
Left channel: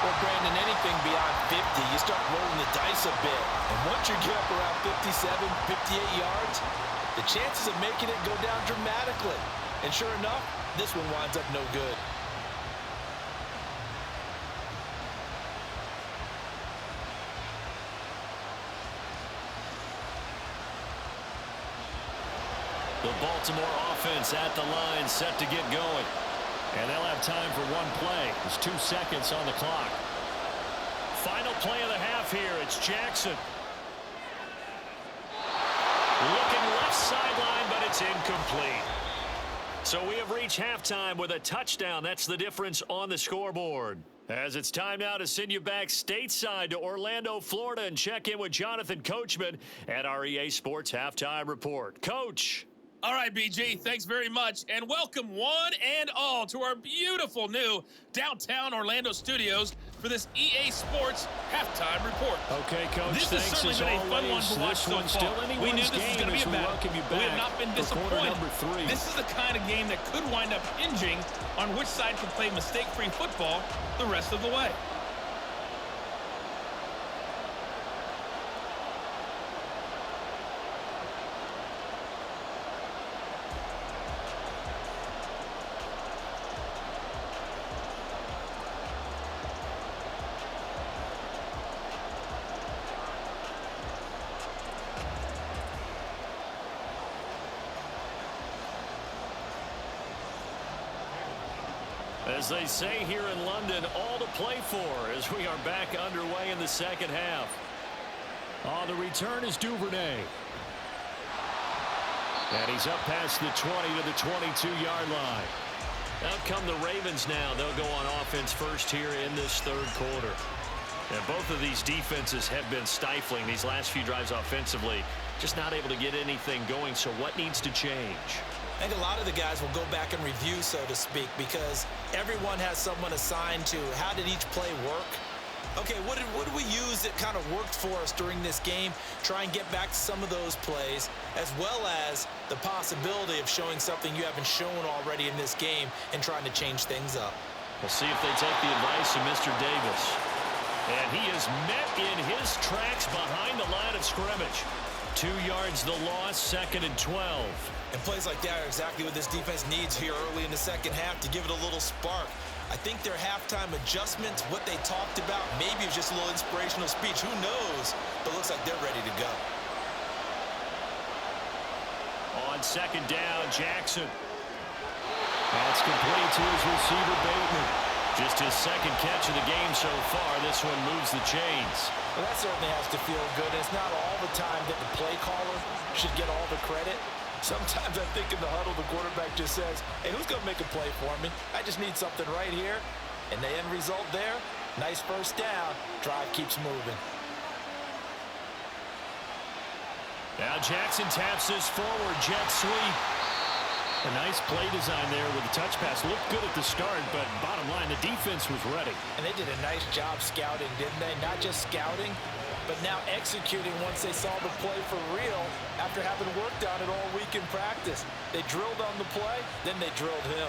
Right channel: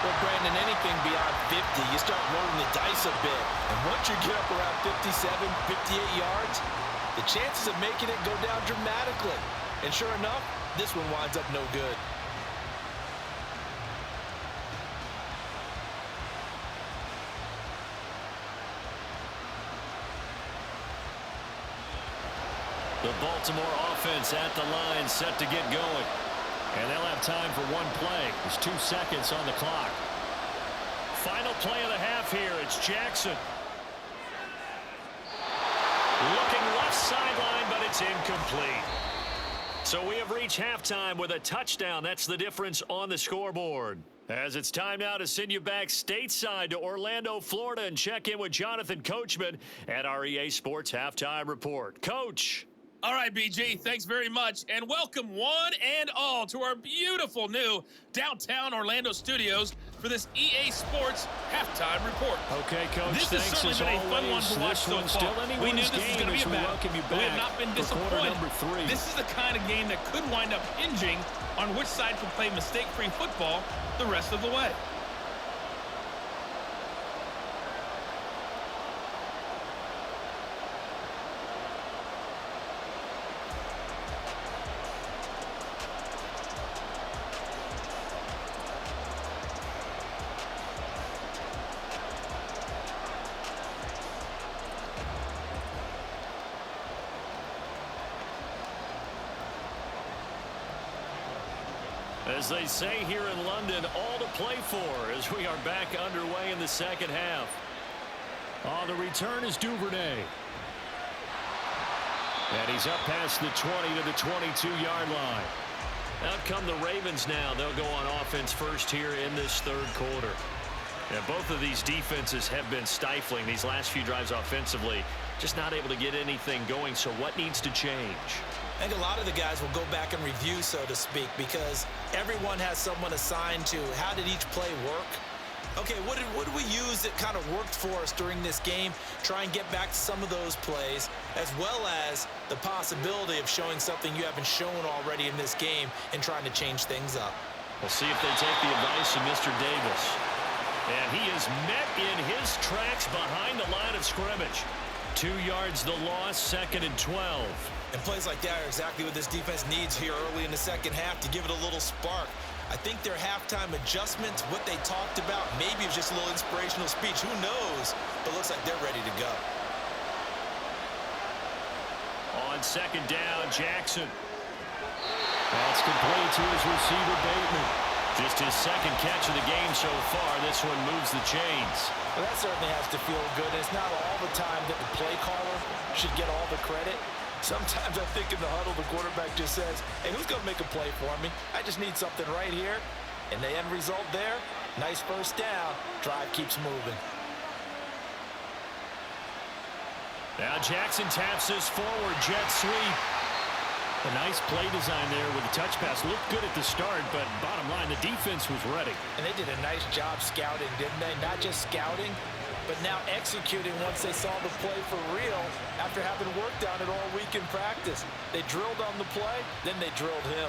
Well, Brandon, anything beyond 50, you start rolling the dice a bit. And once you get up around 57, 58 yards, the chances of making it go down dramatically. And sure enough, this one winds up no good. The Baltimore offense at the line, set to get going. And they'll have time for one play. There's 2 seconds on the clock. Final play of the half here. It's Jackson. Looking left sideline, but it's incomplete. So we have reached halftime with a touchdown. That's the difference on the scoreboard. As it's time now to send you back stateside to Orlando, Florida, and check in with Jonathan Coachman at our EA Sports Halftime Report. Coach. All right, BG, thanks very much, and welcome one and all to our beautiful new downtown Orlando studios for this EA Sports Halftime Report. Okay, Coach, this has certainly been a fun one to watch so far. We knew this was going to be a battle, but we have not been disappointed. This is the kind of game that could wind up hinging on which side can play mistake-free football the rest of the way. As they say here in London, all to play for as we are back underway in the second half. On the return is Duvernay. And he's up past the 20 to the 22-yard line. Out come the Ravens now. They'll go on offense first here in this third quarter. And both of these defenses have been stifling these last few drives offensively. Just not able to get anything going. So what needs to change? I think a lot of the guys will go back and review, so to speak, because everyone has someone assigned to how did each play work. Okay, what did we use that kind of worked for us during this game? Try and get back to some of those plays, as well as the possibility of showing something you haven't shown already in this game and trying to change things up. We'll see if they take the advice of Mr. Davis. And he is met in his tracks behind the line of scrimmage. 2 yards the loss, 2nd and 12. And plays like that are exactly what this defense needs here early in the second half to give it a little spark. I think their halftime adjustments, what they talked about, maybe it was just a little inspirational speech. Who knows? But it looks like they're ready to go. On 2nd down, Jackson. That's complete to his receiver, Bateman. Just his 2nd catch of the game so far. This one moves the chains. Well, that certainly has to feel good. It's not all the time that the play caller should get all the credit. Sometimes I think in the huddle, the quarterback just says, hey, who's going to make a play for me? I just need something right here. And the end result there, nice first down. Drive keeps moving. Now Jackson taps this forward, jet sweep. A nice play design there with the touch pass. Looked good at the start, but bottom line, the defense was ready. And they did a nice job scouting, didn't they? Not just scouting, but now executing once they saw the play for real after having worked on it all week in practice. They drilled on the play, then they drilled him.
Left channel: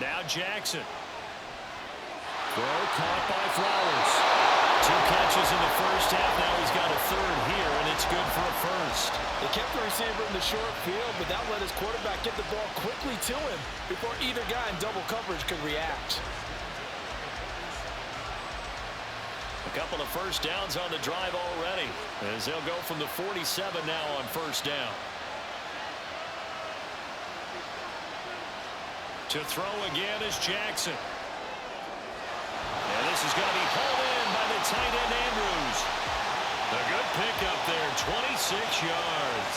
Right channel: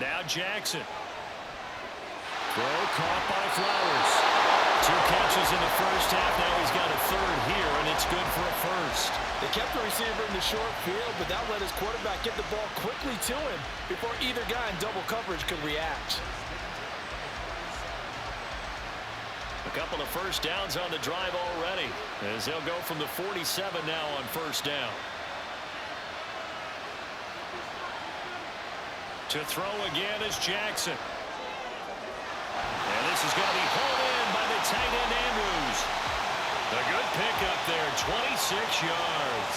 Now Jackson. Throw caught by Flowers. 2 catches in the first half. Now he's got a 3rd here, and it's good for a 1st. They kept the receiver in the short field, but that let his quarterback get the ball quickly to him before either guy in double coverage could react. A couple of first downs on the drive already, as they'll go from the 47 now on 1st down. To throw again is Jackson. And this is going to be hauled in by the tight end Andrews. A good pickup there, 26 yards.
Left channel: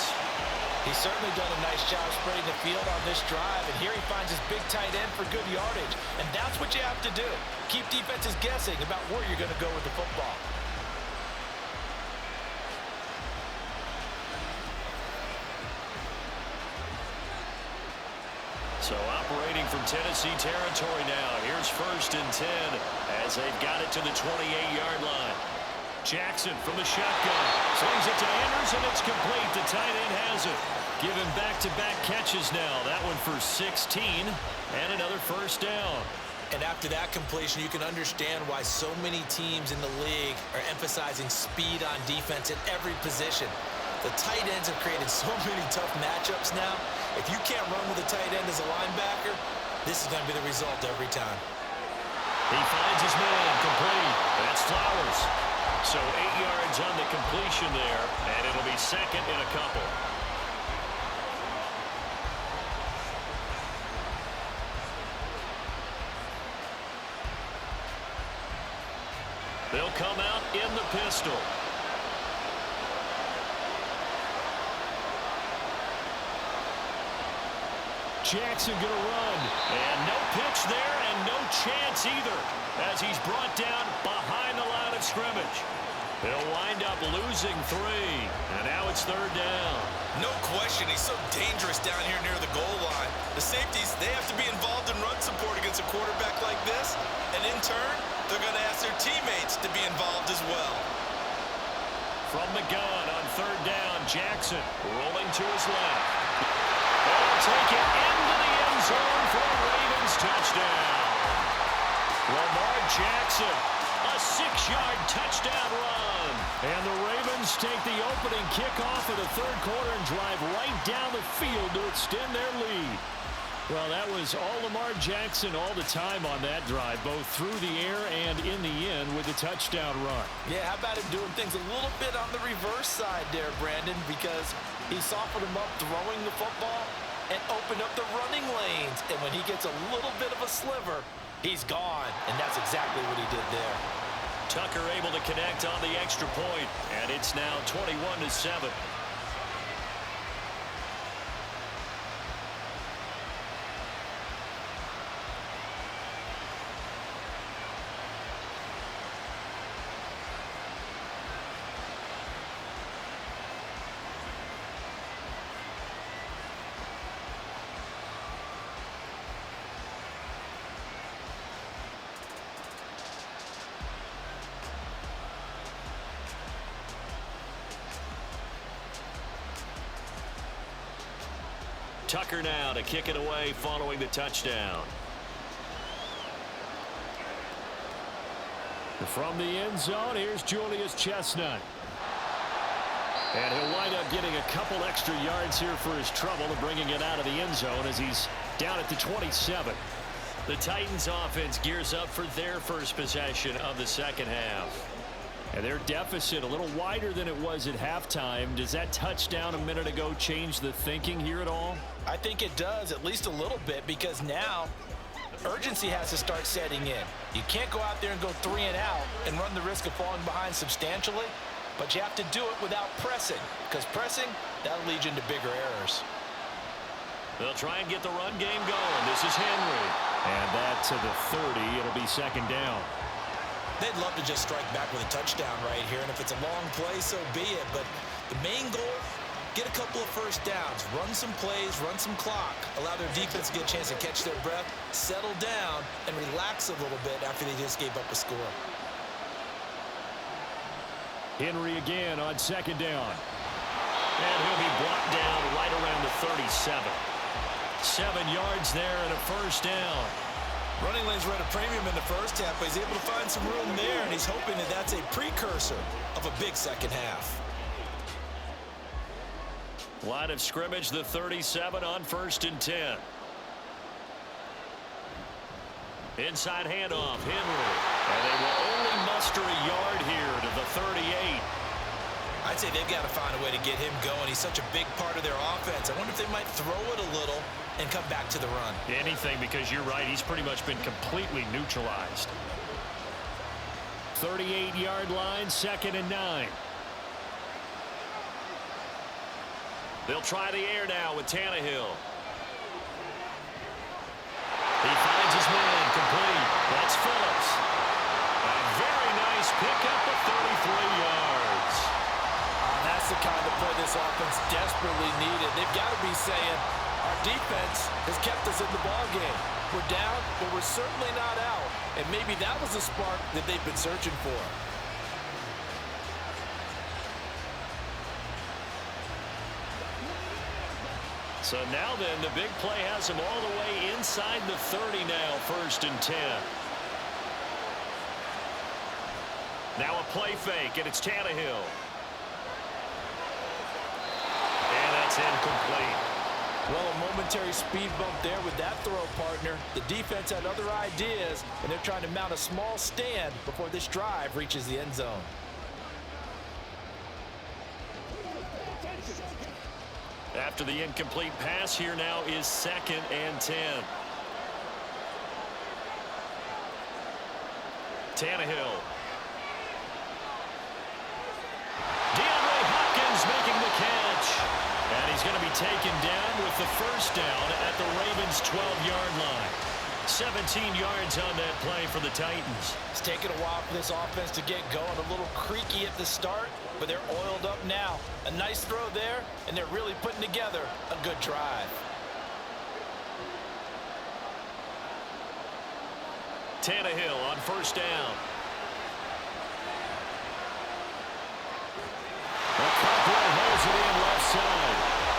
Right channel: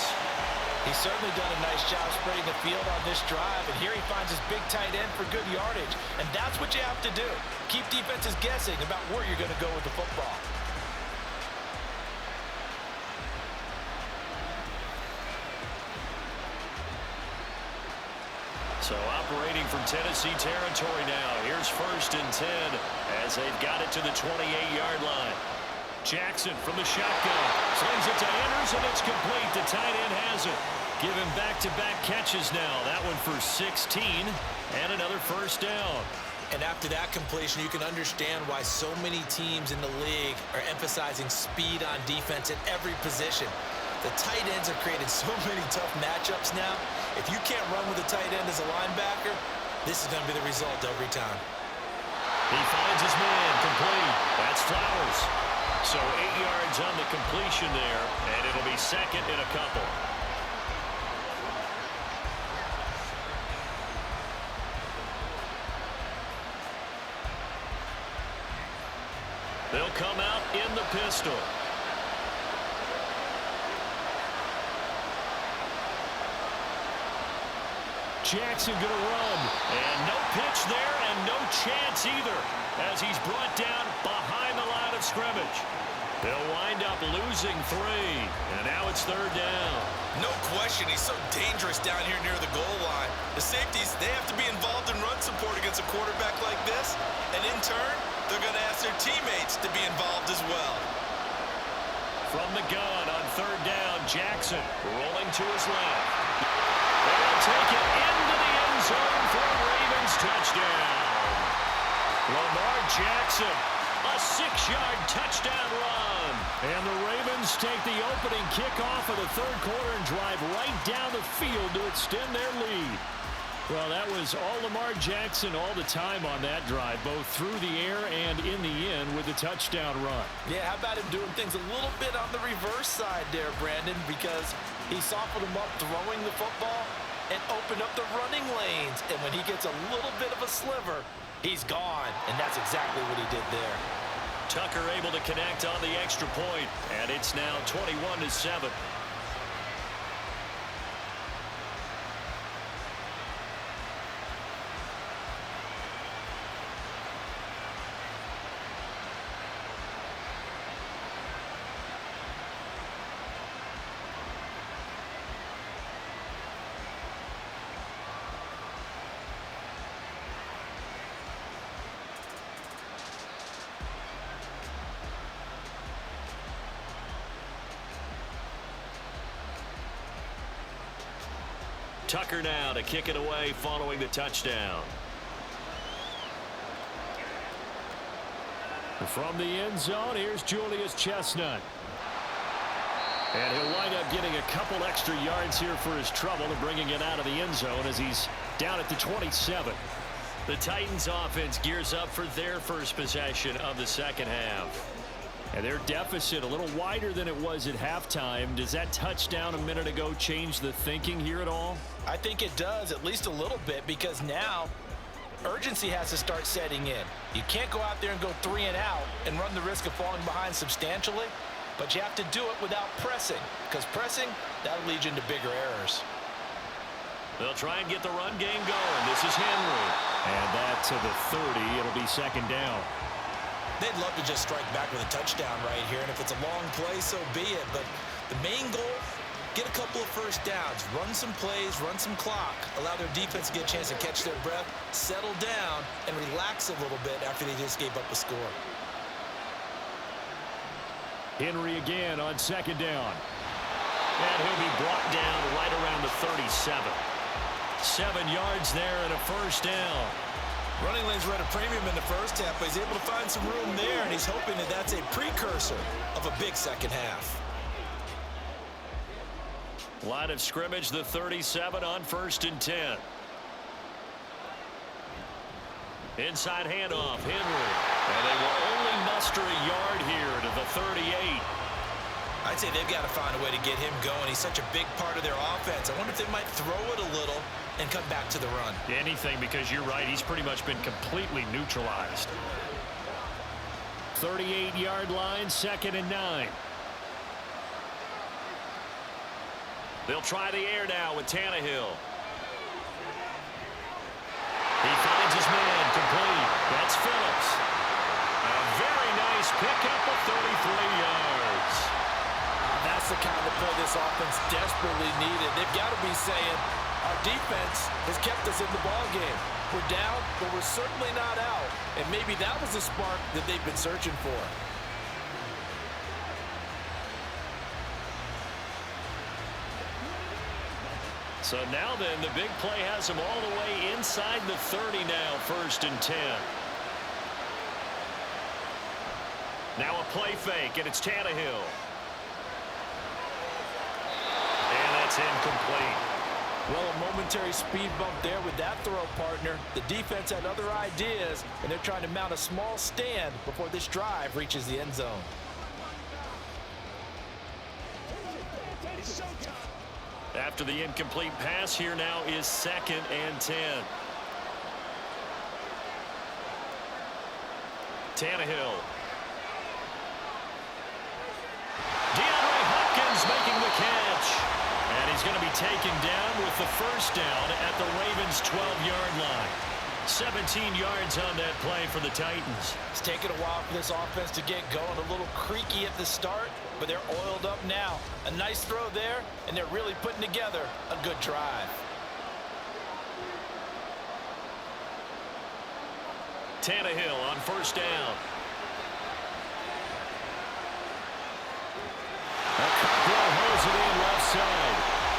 He's certainly done a nice job spreading the field on this drive, and here he finds his big tight end for good yardage. And that's what you have to do. Keep defenses guessing about where you're going to go with the football. So operating from Tennessee territory now. Here's 1st and 10 as they've got it to the 28-yard line. Jackson from the shotgun. Slings it to Andrews, and it's complete. The tight end has it. Give him back-to-back catches now. That one for 16 and another 1st down. And after that completion, you can understand why so many teams in the league are emphasizing speed on defense at every position. The tight ends have created so many tough matchups now. If you can't run with a tight end as a linebacker, this is going to be the result every time. He finds his man, complete. That's Flowers. So 8 yards on the completion there, and it'll be 2nd and a couple. They'll come out in the pistol. Jackson going to run. And no pitch there and no chance either as he's brought down behind the line of scrimmage. They'll wind up losing 3. And now it's 3rd down. No question, he's so dangerous down here near the goal line. The safeties, they have to be involved in run support against a quarterback like this. And in turn, they're going to ask their teammates to be involved as well. From the gun on 3rd down, Jackson rolling to his left. They'll take it into the end zone for a Ravens touchdown. Lamar Jackson, a 6-yard touchdown run. And the Ravens take the opening kickoff of the 3rd quarter and drive right down the field to extend their lead. Well, that was all Lamar Jackson all the time on that drive, both through the air and in the end with a touchdown run. Yeah, how about him doing things a little bit on the reverse side there, Brandon, because he softened him up throwing the football and opened up the running lanes. And when he gets a little bit of a sliver, He's gone, and that's exactly what he did there. Tucker able to connect on the extra point, and it's now 21-7. Tucker now to kick it away following the touchdown. From the end zone, here's Julius Chestnut. And he'll wind up getting a couple extra yards here for his trouble and bringing it out of the end zone as he's down at the 27. The Titans offense gears up for their first possession of the second half. And their deficit a little wider than it was at halftime. Does that touchdown a minute ago change the thinking here at all? I think it does, at least a little bit, because now urgency has to start setting in. You can't go out there and go 3 and out and run the risk of falling behind substantially, but you have to do it without pressing, because pressing, that'll lead you into bigger errors. They'll try and get the run game going. This is Henry. And that to the 30. It'll be second down. They'd love to just strike back with a touchdown right here, and if it's a long play, so be it. But the main goal, get a couple of first downs, run some plays, run some clock, allow their defense to get a chance to catch their breath, settle down, and relax a little bit after they just gave up a score. Henry again on second down. And he'll be brought down right around the 37. 7 yards there and a first down. Running lanes were at a premium in the first half, but he's able to find some room there, and he's hoping that that's a precursor of a big second half. Line of scrimmage, the 37 on 1st and 10. Inside handoff, Henry. And they will only muster a yard here to the 38. I'd say they've got to find a way to get him going. He's such a big part of their offense. I wonder if they might throw it a little and come back to the run. Anything, because you're right, he's pretty much been completely neutralized. 38-yard line, 2nd and 9. They'll try the air now with Tannehill. He finds his man, complete. That's Phillips. A very nice pickup of 33 yards. That's the kind of play this offense desperately needed. They've got to be saying, our defense has kept us in the ball game. We're down, but we're certainly not out. And maybe that was the spark that they've been searching for. So now then, the big play has him all the way inside the 30 now, 1st and 10. Now a play fake, and it's Tannehill. And that's incomplete. Well, a momentary speed bump there with that throw, partner. The defense had other ideas, and they're trying to mount a small stand before this drive reaches the end zone. After the incomplete pass, here now is 2nd and 10. Tannehill. DeAndre Hopkins making the catch. And he's going to be taken down with the first down at the Ravens' 12-yard line. 17 yards on that play for the Titans. It's taken a while for this offense to get going. A little creaky at the start, but they're oiled up now. A nice throw there, and they're really putting together a good drive. Tannehill on first down. Cockrell holds it in left side.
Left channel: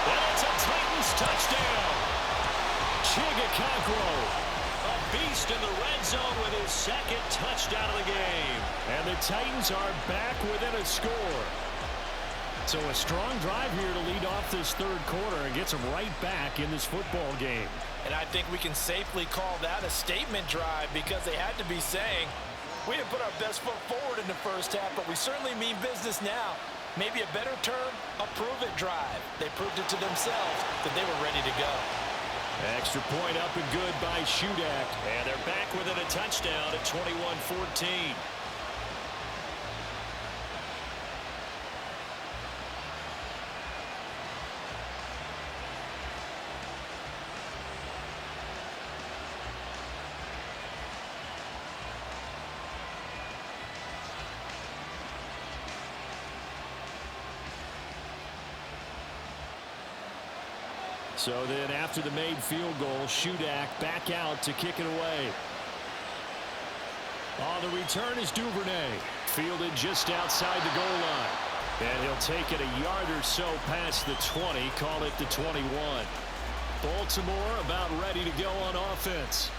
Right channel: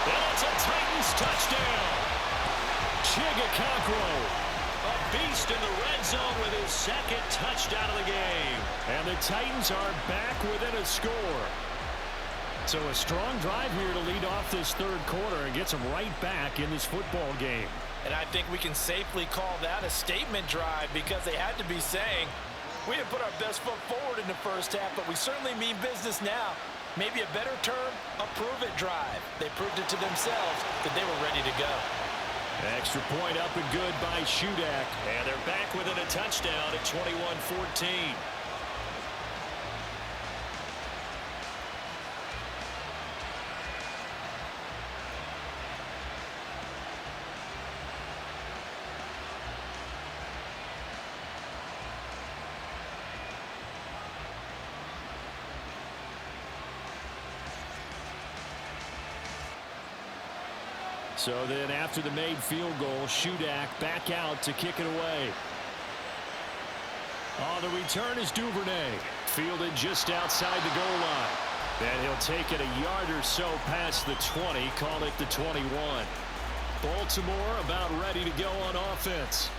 And it's a Titans touchdown. Chigga Cockrell, a beast in the red zone with his 2nd touchdown of the game. And the Titans are back within a score. So a strong drive here to lead off this 3rd quarter and gets them right back in this football game. And I think we can safely call that a statement drive, because they had to be saying, we didn't put our best foot forward in the first half, but we certainly mean business now. Maybe a better term, a prove-it drive. They proved it to themselves that they were ready to go. Extra point up and good by Shudak. And they're back within a touchdown at 21-14. So then after the made field goal, Shudak back out to kick it away. On the return is Duvernay. Fielded just outside the goal line. And he'll take it a yard or so past the 20, call it the 21. Baltimore about ready to go on offense.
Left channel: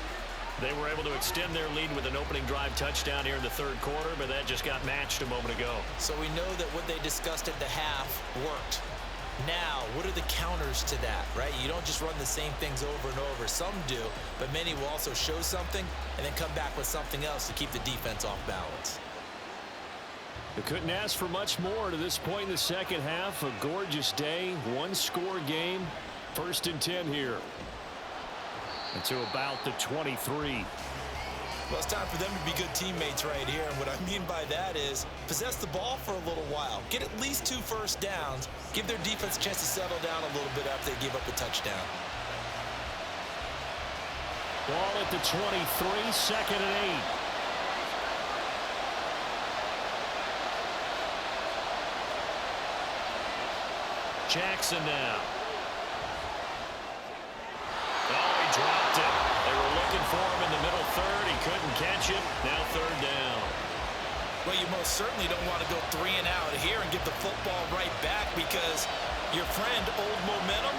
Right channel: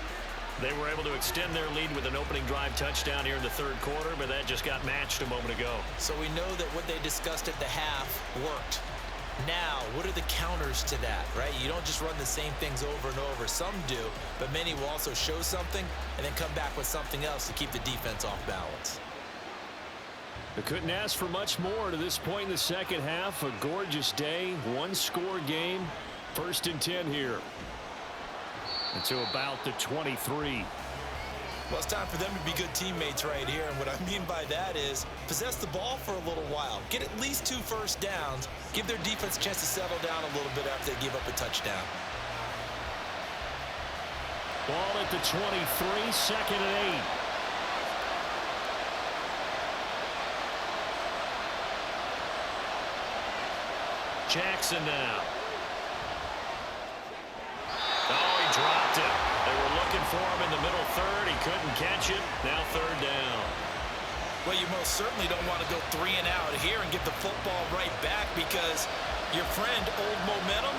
They were able to extend their lead with an opening drive touchdown here in the third quarter, but that just got matched a moment ago. So we know that what they discussed at the half worked. Now, what are the counters to that, right? You don't just run the same things over and over. Some do, but many will also show something and then come back with something else to keep the defense off balance. They couldn't ask for much more to this point in the second half. A gorgeous day, one-score game. 1st and 10 here. And to about the 23. Well, it's time for them to be good teammates right here. And what I mean by that is possess the ball for a little while. Get at least 2 first downs. Give their defense a chance to settle down a little bit after they give up a touchdown. Ball at the 23, 2nd and 8. Jackson now. Oh, he dropped it. They were looking for him in the middle third. He couldn't catch it. Now 3rd down. Well, you most certainly don't want to go 3 and out here and get the football right back because your friend, Old Momentum,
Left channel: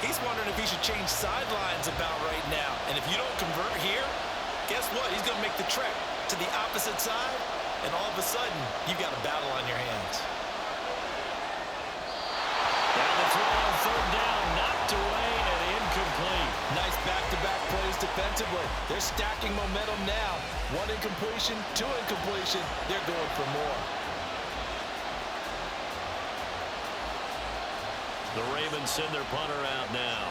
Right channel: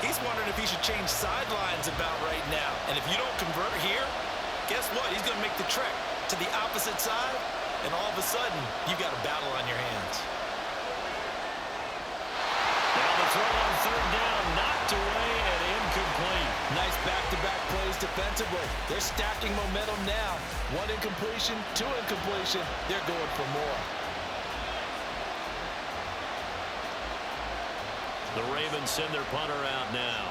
he's wondering if he should change sidelines about right now. And if you don't convert here, guess what? He's going to make the trek to the opposite side, and all of a sudden, you've got a battle on your hands. Now the throw on 3rd down, knocked away and incomplete. Nice back-to-back plays defensively. They're stacking momentum now. 1 incompletion, 2 incompletion. They're going for more. The Ravens send their punter out now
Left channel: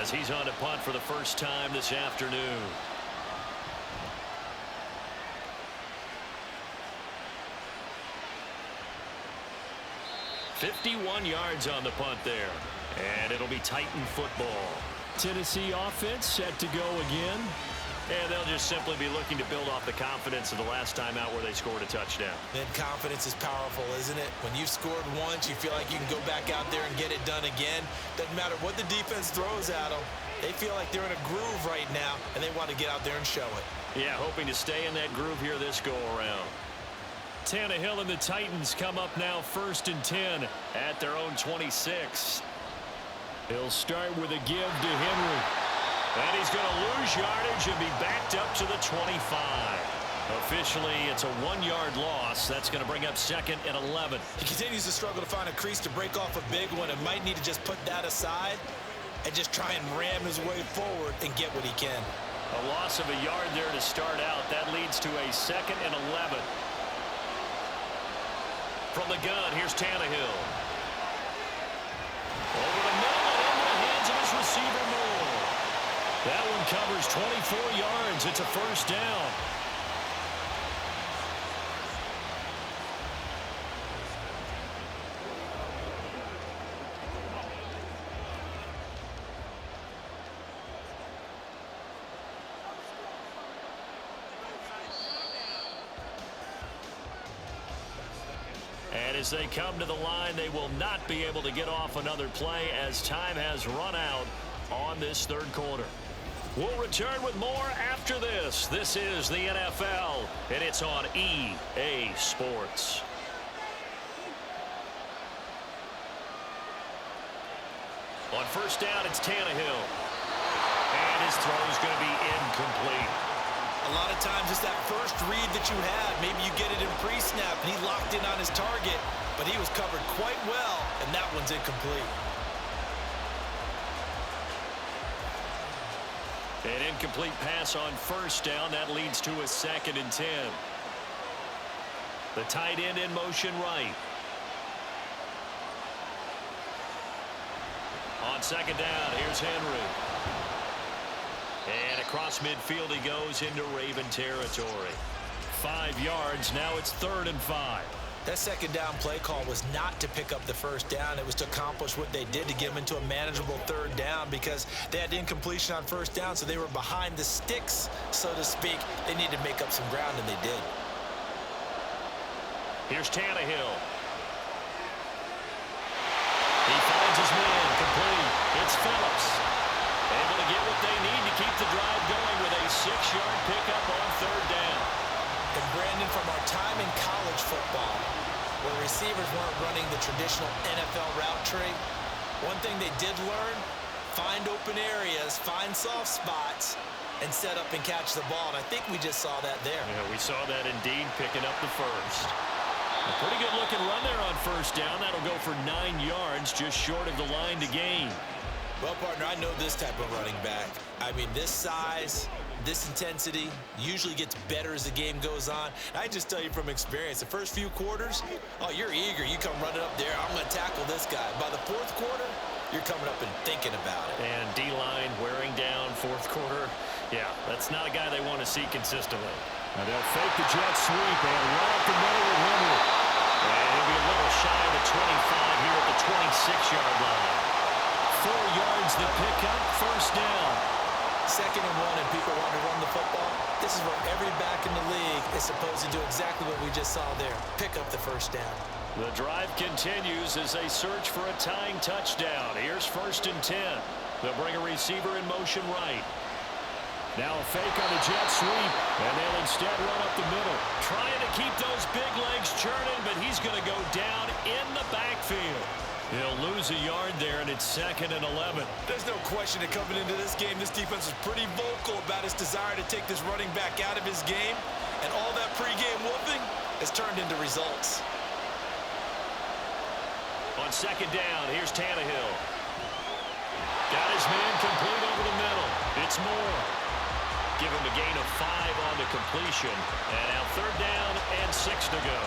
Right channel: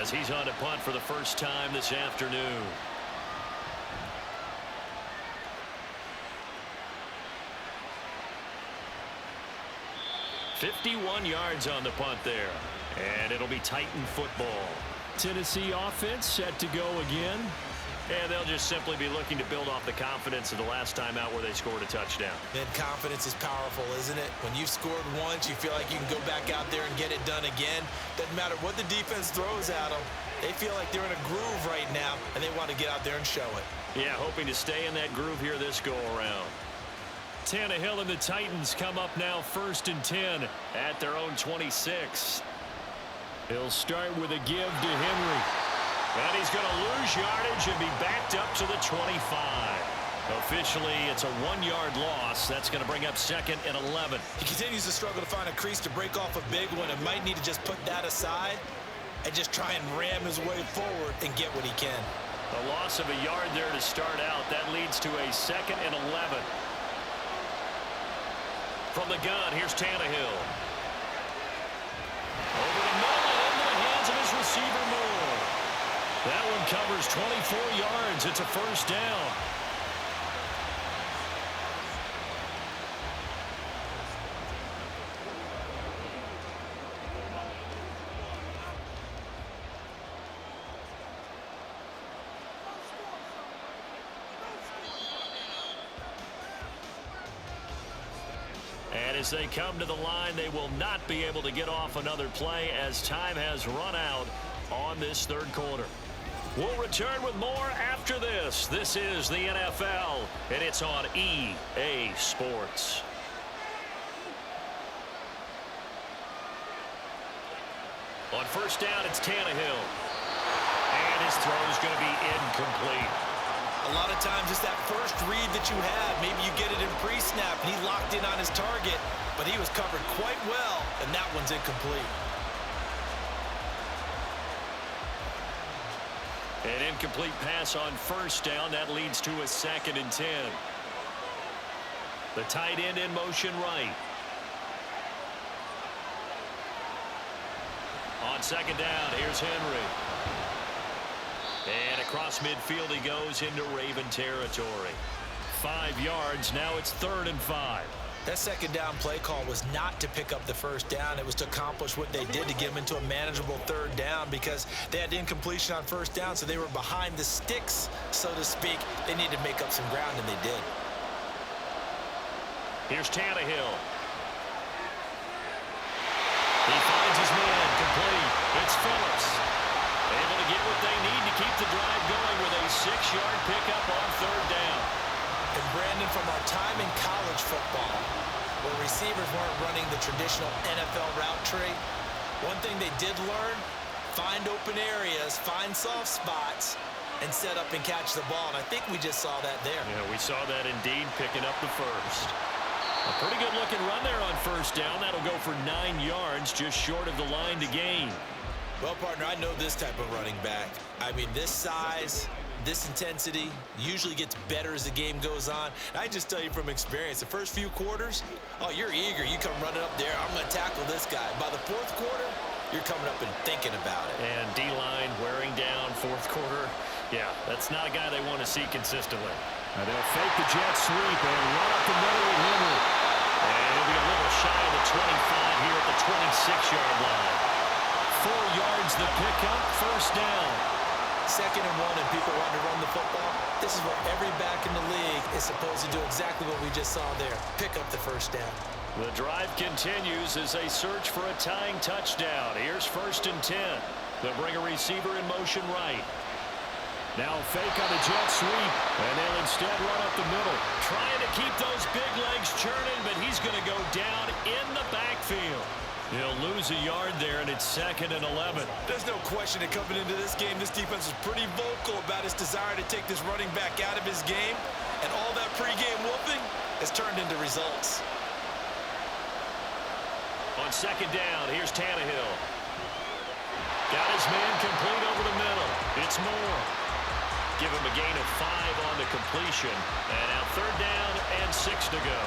as he's on to punt for the first time this afternoon. $51 yards on the punt there. And it'll be Titan football. Tennessee offense set to go again. And they'll just simply be looking to build off the confidence of the last time out where they scored a touchdown. And confidence is powerful, isn't it? When you've scored once, you feel like you can go back out there and get it done again. Doesn't matter what the defense throws at them. They feel like they're in a groove right now, and they want to get out there and show it. Yeah, hoping to stay in that groove here this go-around. Tannehill and the Titans come up now 1st and 10 at their own 26. He'll start with a give to Henry. And he's going to lose yardage and be backed up to the 25. Officially, it's a 1-yard loss. That's going to bring up 2nd and 11. He continues to struggle to find a crease to break off a big one and might need to just put that aside and just try and ram his way forward and get what he can. A loss of a yard there to start out. That leads to a 2nd and 11. From the gun, here's Tannehill. Over the middle and into the hands of his receiver, Moore. That one covers 24 yards. It's a 1st down. And as they come to the line, they will not be able to get off another play as time has run out on this 3rd quarter. We'll return with more after this. This is the NFL, and it's on EA Sports. On 1st down, it's Tannehill. And his throw is going to be incomplete. A lot of times it's that first read that you have. Maybe you get it in pre-snap, and he locked in on his target, but he was covered quite well, and that one's incomplete. An incomplete pass on 1st down. That leads to a 2nd and 10. The tight end in motion right. On 2nd down, here's Henry. And across midfield he goes into Raven territory. 5 yards. Now it's 3rd and 5. That second down play call was not to pick up the first down. It was to accomplish what they did, to get them into a manageable 3rd down, because they had incompletion on first down, so they were behind the sticks, so to speak. They needed to make up some ground, and they did. Here's Tannehill. He finds his man, complete. It's Phillips. Able to get what they need to keep the drive going with a 6-yard pickup on 3rd down. And Brandon, from our time in college football, where receivers weren't running the traditional NFL route tree, one thing they did learn, find open areas, find soft spots, and set up and catch the ball. And I think we just saw that there. Yeah, we saw that indeed, picking up the first. A pretty good looking run there on 1st down. That'll go for 9 yards, just short of the line to gain. Well, partner, I know this type of running back. I mean, this size, this intensity usually gets better as the game goes on. And I just tell you from experience, the first few quarters, oh, you're eager. You come running up there, I'm going to tackle this guy. By the 4th quarter, you're coming up and thinking about it. And D-line wearing down 4th quarter. Yeah, that's not a guy they want to see consistently. Now they'll fake the jet sweep and run up the middle with Henry. And he'll be a little shy of the 25 here at the 26-yard line. 4 yards the pickup, 1st down. 2nd and 1, and people want to run the football. This is where every back in the league is supposed to do exactly what we just saw there. Pick up the 1st down. The drive continues as they search for a tying touchdown. Here's 1st and 10. They'll bring a receiver in motion right. Now a fake on the jet sweep, and they'll instead run up the middle. Trying to keep those big legs churning, but he's going to go down in the backfield. He'll lose a yard there, and it's 2nd and 11. There's no question that coming into this game, this defense was pretty vocal about its desire to take this running back out of his game, and all that pregame whooping has turned into results. On 2nd down, here's Tannehill. Got his man complete over the middle. It's Moore. Give him a gain of 5 on the completion. And now 3rd down and 6 to go.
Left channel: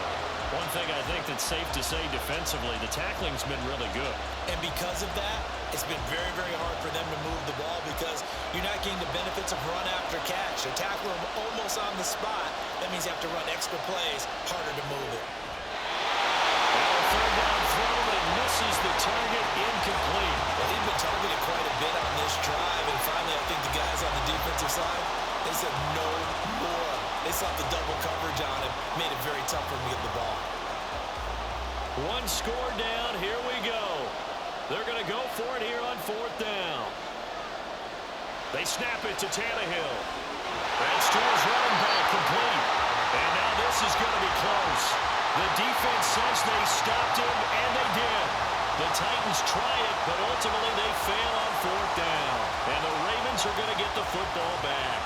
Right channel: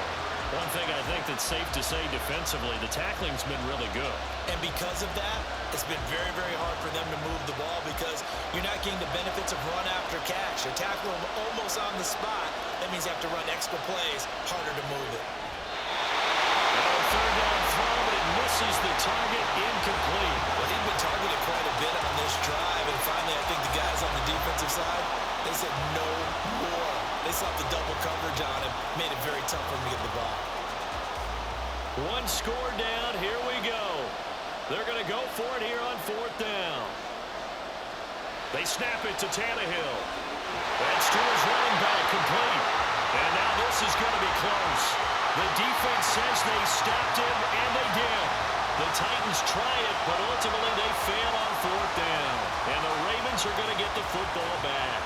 One thing I think that's safe to say defensively, the tackling's been really good. And because of that, it's been very, very hard for them to move the ball because you're not getting the benefits of run after catch. They're tackling almost on the spot. That means you have to run extra plays, harder to move it. Now a 3rd down throw, but it misses the target, incomplete. Well, he'd been targeted quite a bit on this drive, and finally I think the guys on the defensive side, they said no more. They slapped the double coverage on him, made it very tough for him to get the ball. 1 score down, here we go. They're going to go for it here on 4th down. They snap it to Tannehill. That's to his running back, complete. And now this is going to be close. The defense says they stopped him, and they did. The Titans try it, but ultimately they fail on 4th down. And the Ravens are going to get the football back.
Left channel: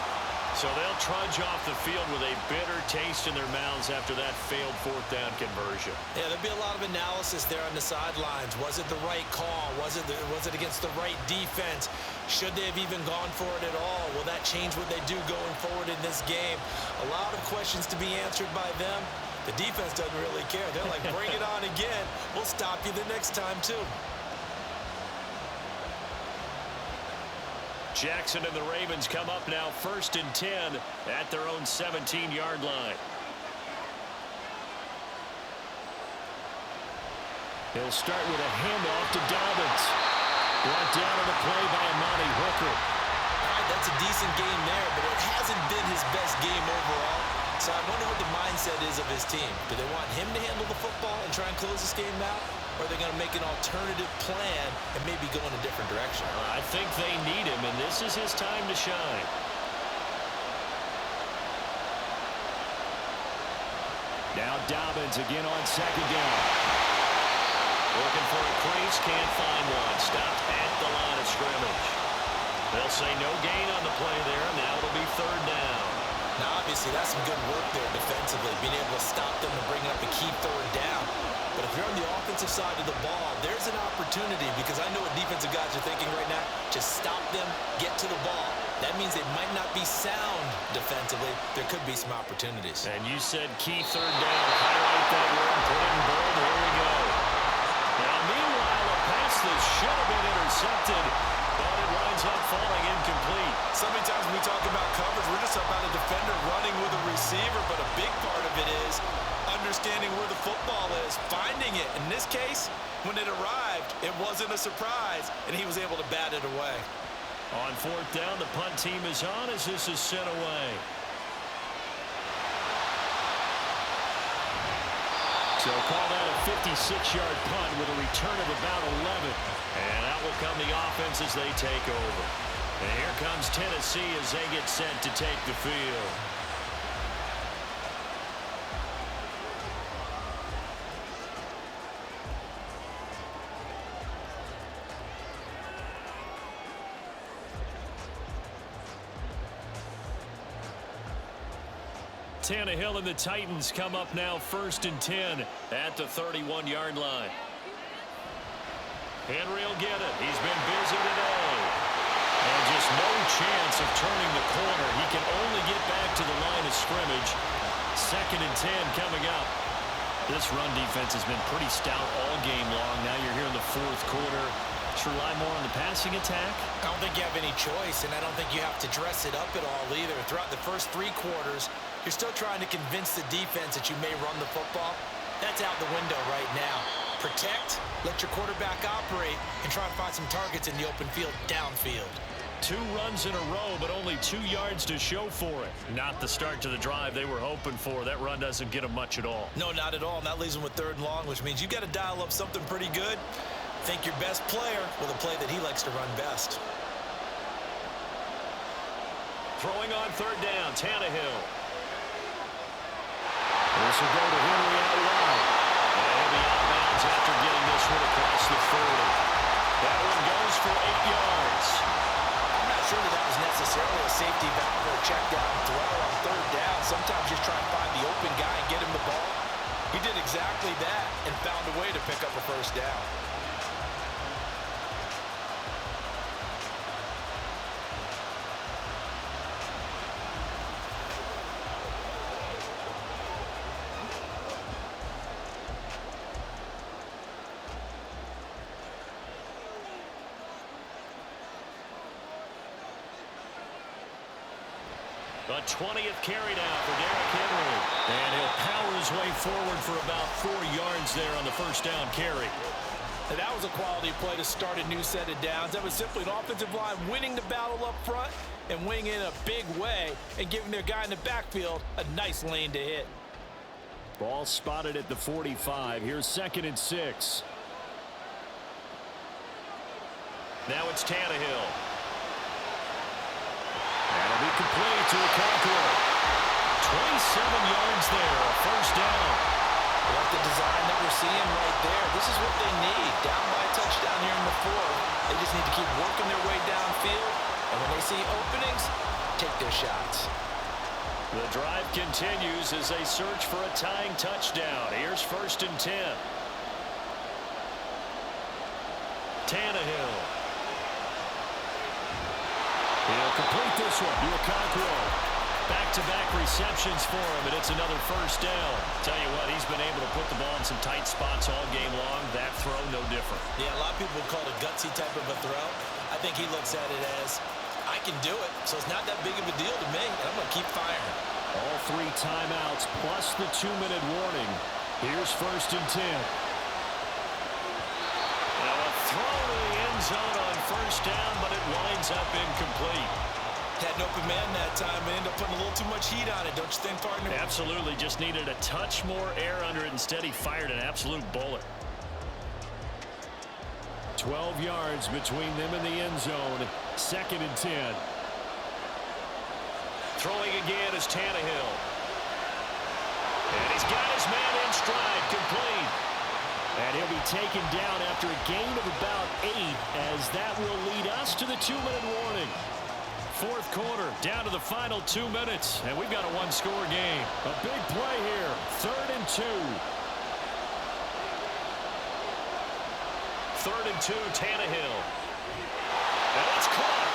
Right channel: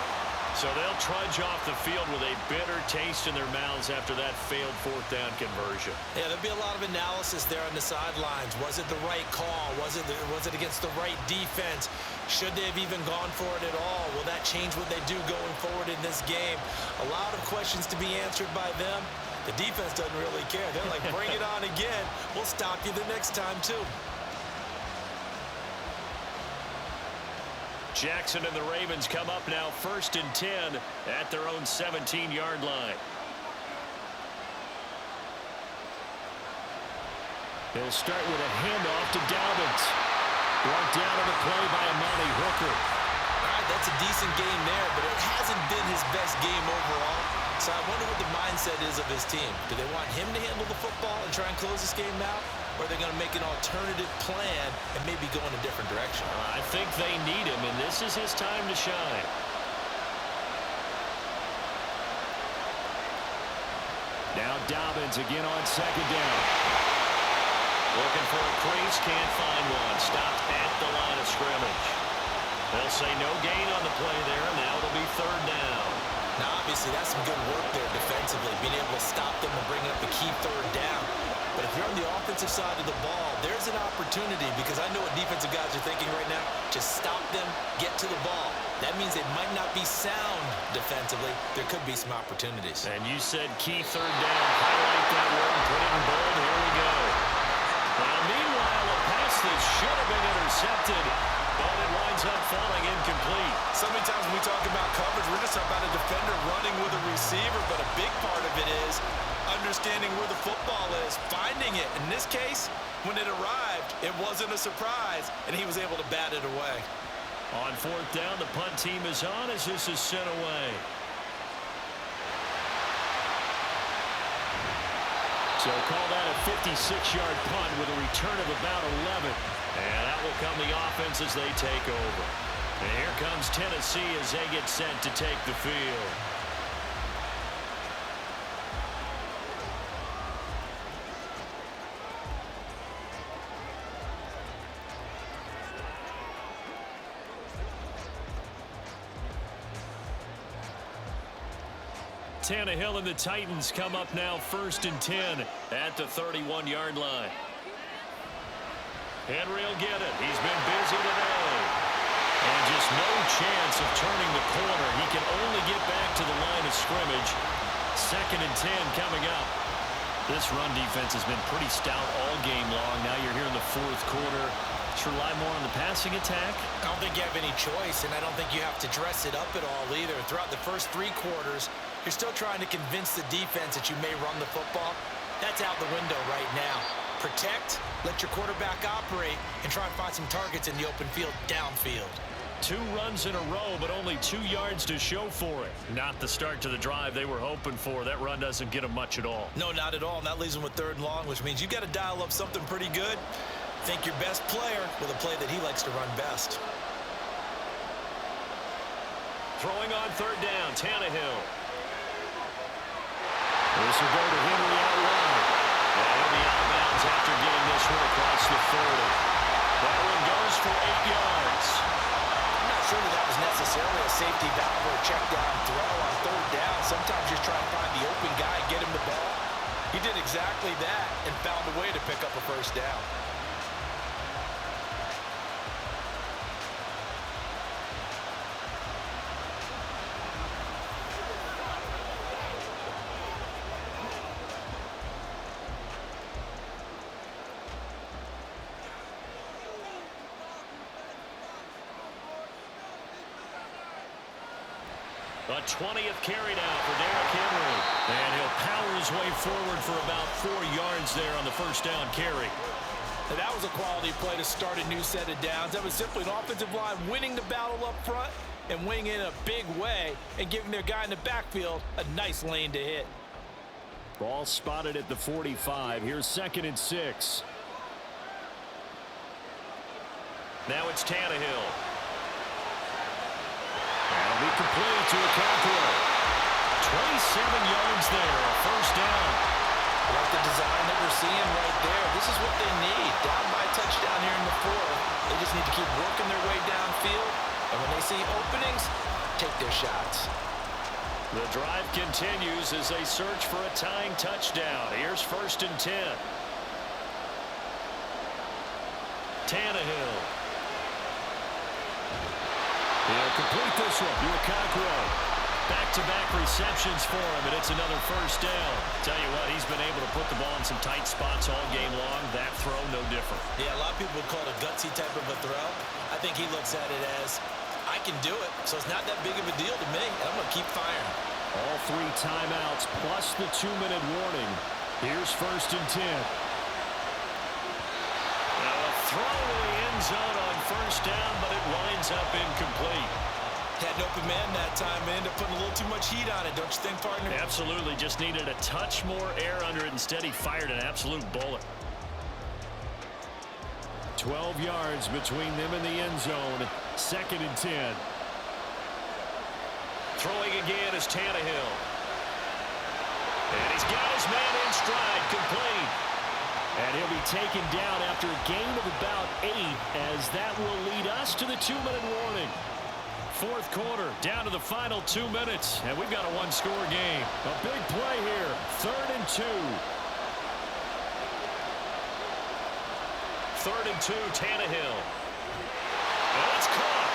So they'll trudge off the field with a bitter taste in their mouths after that failed 4th down conversion. Yeah, there'll be a lot of analysis there on the sidelines. Was it the right call? Was it against the right defense? Should they have even gone for it at all? Will that change what they do going forward in this game? A lot of questions to be answered by them. The defense doesn't really care. They're like, bring it on again. We'll stop you the next time, too. Jackson and the Ravens come up now 1st and 10 at their own 17-yard line. He'll start with a handoff to Dobbins. Brought down on the play by Amani Hooker. All right, that's a decent game there, but it hasn't been his best game overall. So I wonder what the mindset is of his team. Do they want him to handle the football and try and close this game out? Or are they going to make an alternative plan and maybe go in a different direction? I think they need him, and this is his time to shine. Now Dobbins again on 2nd down. Looking for a crease, can't find one. Stopped at the line of scrimmage. They'll say no gain on the play there, and now it'll be 3rd down. Now, obviously, that's some good work there defensively, being able to stop them and bring up a key 3rd down. But if you're on the offensive side of the ball, there's an opportunity because I know what defensive guys are thinking right now. Just stop them, get to the ball. That means they might not be sound defensively. There could be some opportunities. And you said key 3rd down. Highlight that word, put it in bold. Here we go. Now, meanwhile, a pass that should have been intercepted but it winds up falling incomplete. So many times when we talk about coverage, we're just about a defender running with a receiver, but a big part of it is understanding where the football is, finding it. In this case, when it arrived, it wasn't a surprise, and he was able to bat it away. On fourth down, the punt team is on as this is sent away. So call that a 56-yard punt with a return of about 11. And out will come the offense as they take over. And here comes Tennessee as they get set to take the field. Tannehill and the Titans come up now 1st and 10 at the 31-yard line. Henry will get it. He's been busy today. And just no chance of turning the corner. He can only get back to the line of scrimmage. 2nd and 10 coming up. This run defense has been pretty stout all game long. Now you're here in the 4th quarter. Let's rely more on the passing attack. I don't think you have any choice, and I don't think you have to dress it up at all either. Throughout the first 3 quarters, you're still trying to convince the defense that you may run the football. That's out the window right now. Protect, let your quarterback operate, and try and find some targets in the open field downfield. 2 runs in a row, but only 2 yards to show for it. Not the start to the drive they were hoping for. That run doesn't get them much at all. No, not at all. And that leaves them with 3rd and long, which means you've got to dial up something pretty good. Think your best player with a play that he likes to run best. Throwing on 3rd down, Tannehill. This will go to Henry out wide. And he'll be out of bounds after getting this one across the 40. That one goes for 8 yards. I'm not sure that was necessarily a safety valve or a check down throw on 3rd down. Sometimes just try and find the open guy and get him the ball. He did exactly that and found a way to pick up a 1st down. The 20th carry now for Derrick Henry. And he'll power his way forward for about 4 yards there on the 1st down carry. And that was a quality play to start a new set of downs. That was simply an offensive line winning the battle up front and winning in a big way and giving their guy in the backfield a nice lane to hit. Ball spotted at the 45. Here's 2nd and 6. Now it's Tannehill. That'll be complete to Okonkwo. 27 yards there, a 1st down. I like the design that we're seeing right there. This is what they need. Down by a touchdown here in the 4th. They just need to keep working their way downfield. And when they see openings, take their shots. The drive continues as they search for a tying touchdown. Here's 1st and 10. Tannehill. He'll complete this one to Okonkwo. Back-to-back receptions for him, and it's another 1st down. Tell you what, he's been able to put the ball in some tight spots all game long. That throw, no different. Yeah, a lot of people would call it a gutsy type of a throw. I think he looks at it as, I can do it, so it's not that big of a deal to me, and I'm going to keep firing. All 3 timeouts plus the 2-minute warning. Here's 1st and 10. Now a throw to the end zone on 1st down, but it winds up incomplete. Had an open man that time and ended up putting a little too much heat on it, don't you think, partner? Absolutely. Just needed a touch more air under it. Instead, he fired an absolute bullet. 12 yards between them and the end zone. 2nd and 10. Throwing again is Tannehill. And he's got his man in stride, complete. And he'll be taken down after a gain of about 8, as that will lead us to the 2-minute warning. 4th quarter, down to the final 2 minutes, and we've got a 1-score game. A big play here, 3rd and 2. 3rd and 2, Tannehill. And it's caught.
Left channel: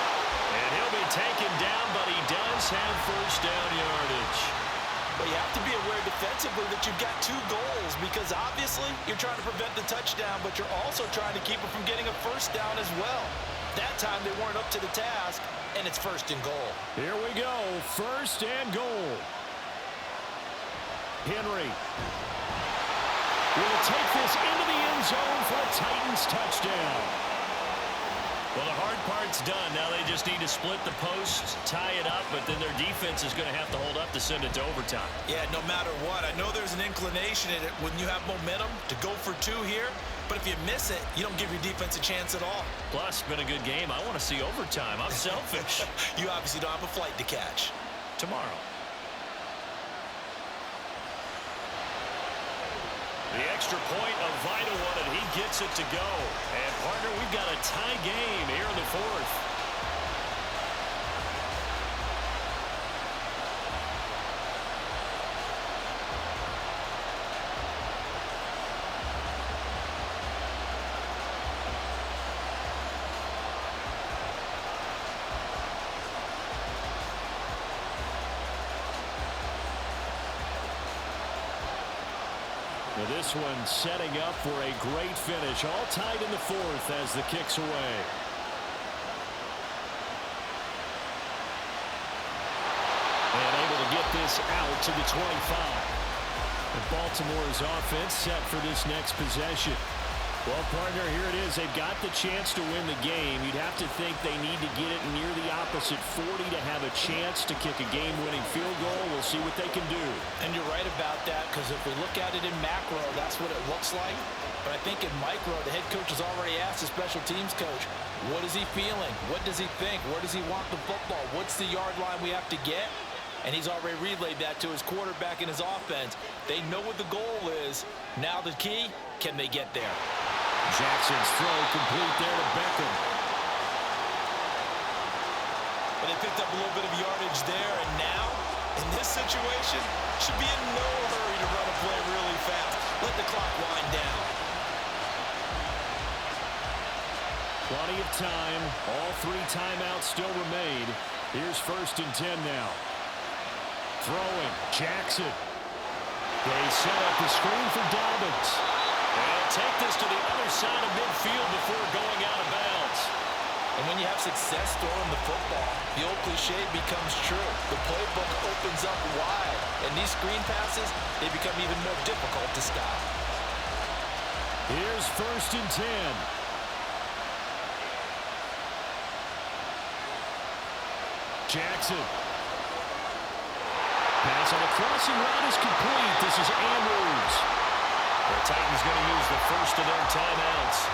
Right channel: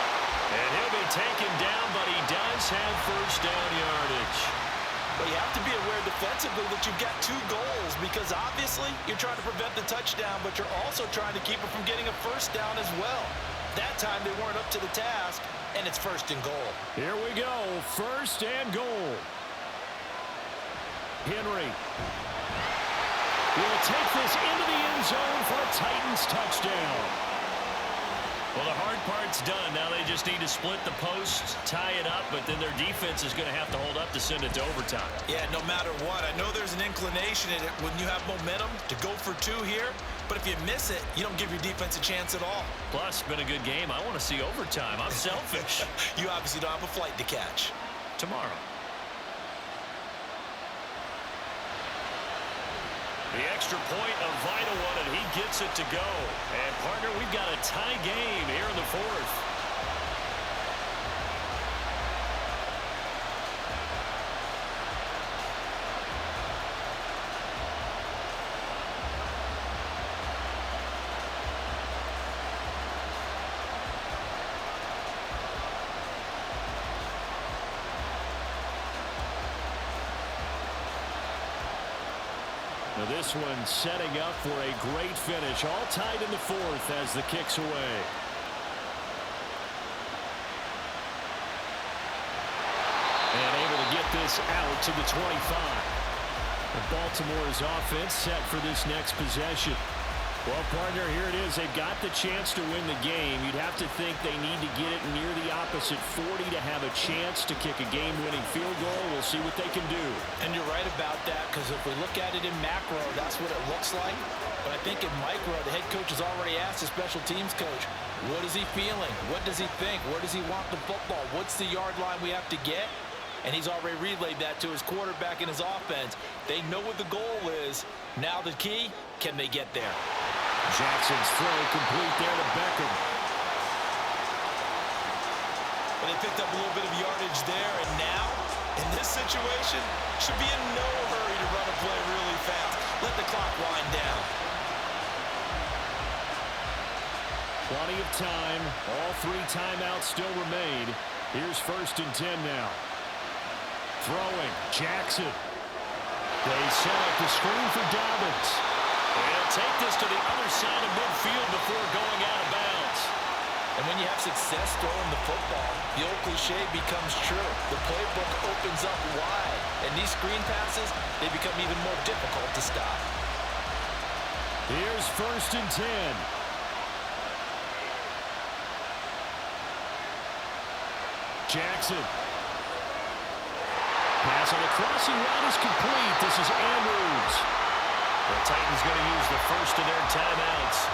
And he'll be taken down, but he does have 1st down yardage. Well, you have to be aware defensively that you've got 2 goals, because obviously you're trying to prevent the touchdown, but you're also trying to keep it from getting a 1st down as well. That time they weren't up to the task, and it's 1st and goal. Here we go, 1st and goal. Henry will take this into the end zone for a Titans touchdown. Well, the hard part's done. Now they just need to split the posts, tie it up, but then their defense is going to have to hold up to send it to overtime. Yeah, no matter what. I know there's an inclination in it when you have momentum to go for 2 here, but if you miss it, you don't give your defense a chance at all. Plus, been a good game. I want to see overtime. I'm selfish. You obviously don't have a flight to catch. Tomorrow. The extra point, a vital one, and he gets it to go. And, partner, we've got a tie game here in the 4th. Now this one setting up for a great finish. All tied in the 4th as the kick's away. And able to get this out to the 25. And Baltimore's offense set for this next possession. Well, partner, here it is. They've got the chance to win the game. You'd have to think they need to get it near the opposite 40 to have a chance to kick a game-winning field goal. We'll see what they can do. And you're right about that, because if we look at it in macro, that's what it looks like. But I think in micro, the head coach has already asked the special teams coach, what is he feeling? What does he think? Where does he want the football? What's the yard line we have to get? And he's already relayed that to his quarterback and his offense. They know what the goal is. Now the key, can they get there? Jackson's throw complete there to Beckham. But they picked up a little bit of yardage there, and now, in this situation, should be in no hurry to run a play really fast. Let the clock wind down. Plenty of time. All 3 timeouts still remain. Here's 1st and 10 now. Throwing, Jackson. They set up the screen for Dobbins. They'll take this to the other side of midfield before going out of bounds. And when you have success throwing the football, the old cliche becomes true. The playbook opens up wide, and these screen passes, they become even more difficult to stop. Here's 1st and 10. Jackson. Pass on the crossing route is complete. This is Andrews. The Titans going to use the first of their timeouts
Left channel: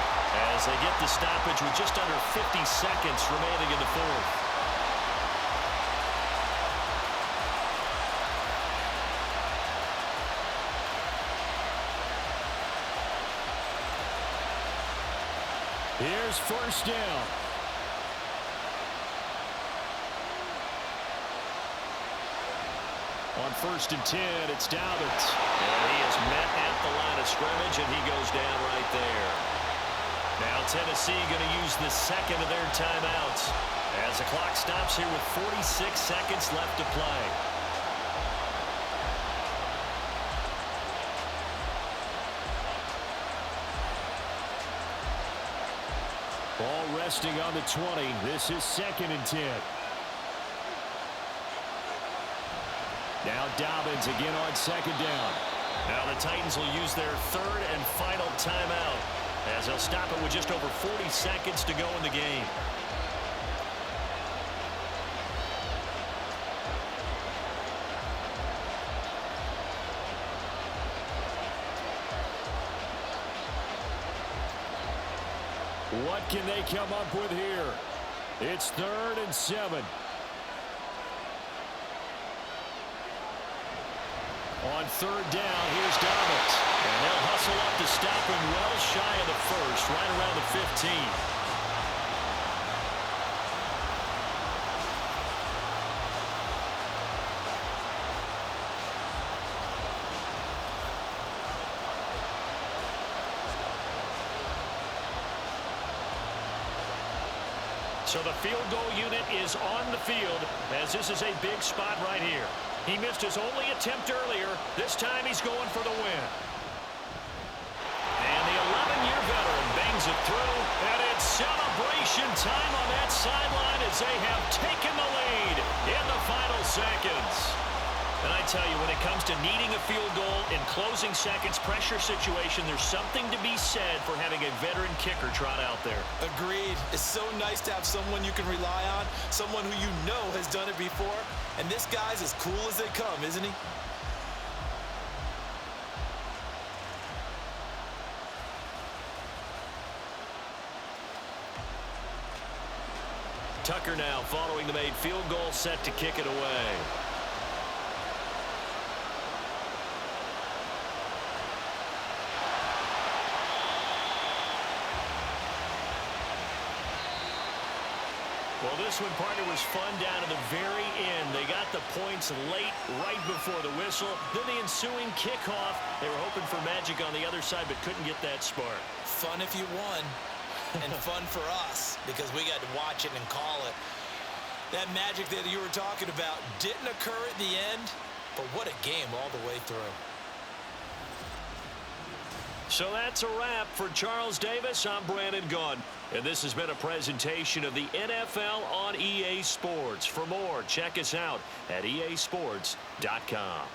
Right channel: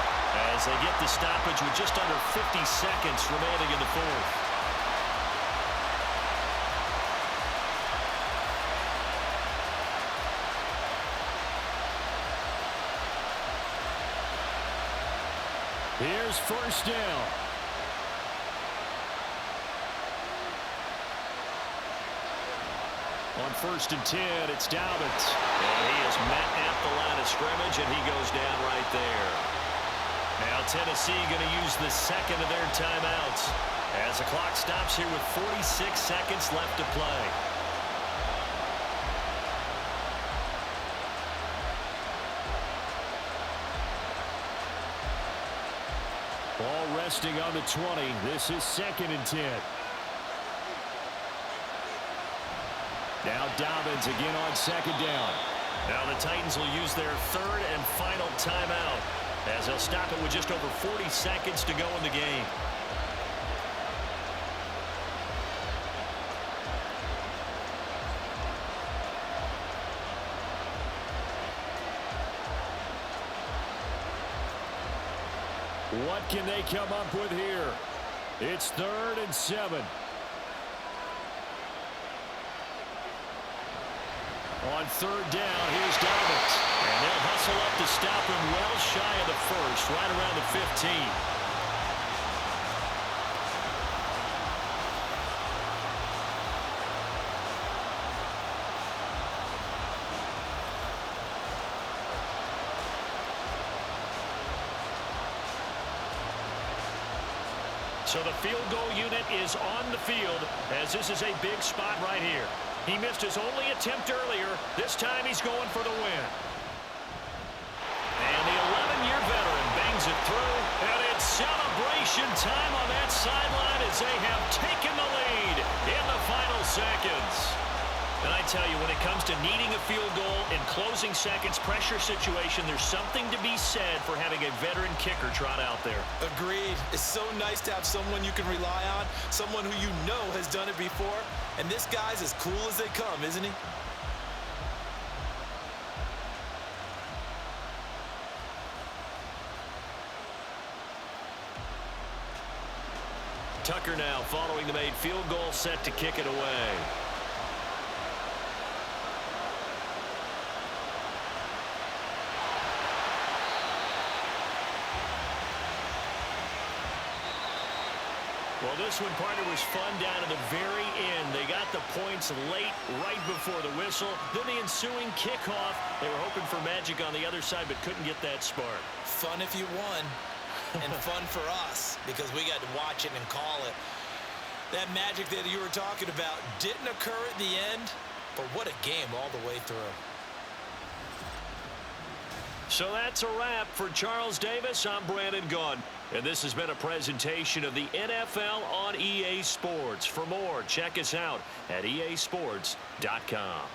as they get the stoppage with just under 50 seconds remaining in the 4th. Here's 1st down. On 1st and 10, it's Dobbins. And he is met at the line of scrimmage, and he goes down right there. Now Tennessee going to use the 2nd of their timeouts as the clock stops here with 46 seconds left to play. Ball resting on the 20. This is 2nd and 10. Now Dobbins again on 2nd down. Now the Titans will use their 3rd and final timeout as they'll stop it with just over 40 seconds to go in the game. What can they come up with here? It's 3rd and 7. On 3rd down, here's Dobbins. And they'll hustle up to stop him well shy of the 1st, right around the 15. So the field goal unit is on the field as this is a big spot right here. He missed his only attempt earlier. This time he's going for the win. And the 11-year veteran bangs it through, and it's celebration time on that sideline as they have taken the lead in the final seconds. And I tell you, when it comes to needing a field goal in closing seconds, pressure situation, there's something to be said for having a veteran kicker trot out there. Agreed. It's so nice to have someone you can rely on, someone who you know has done it before. And this guy's as cool as they come, isn't he? Tucker now following the made field goal, set to kick it away. Well, this one, partner, was fun down to the very end. They got the points late, right before the whistle. Then the ensuing kickoff. They were hoping for magic on the other side, but couldn't get that spark. Fun if you won, and fun for us, because we got to watch it and call it. That magic that you were talking about didn't occur at the end, but what a game all the way through. So that's a wrap for Charles Davis. I'm Brandon Gaudin. And this has been a presentation of the NFL on EA Sports. For more, check us out at easports.com.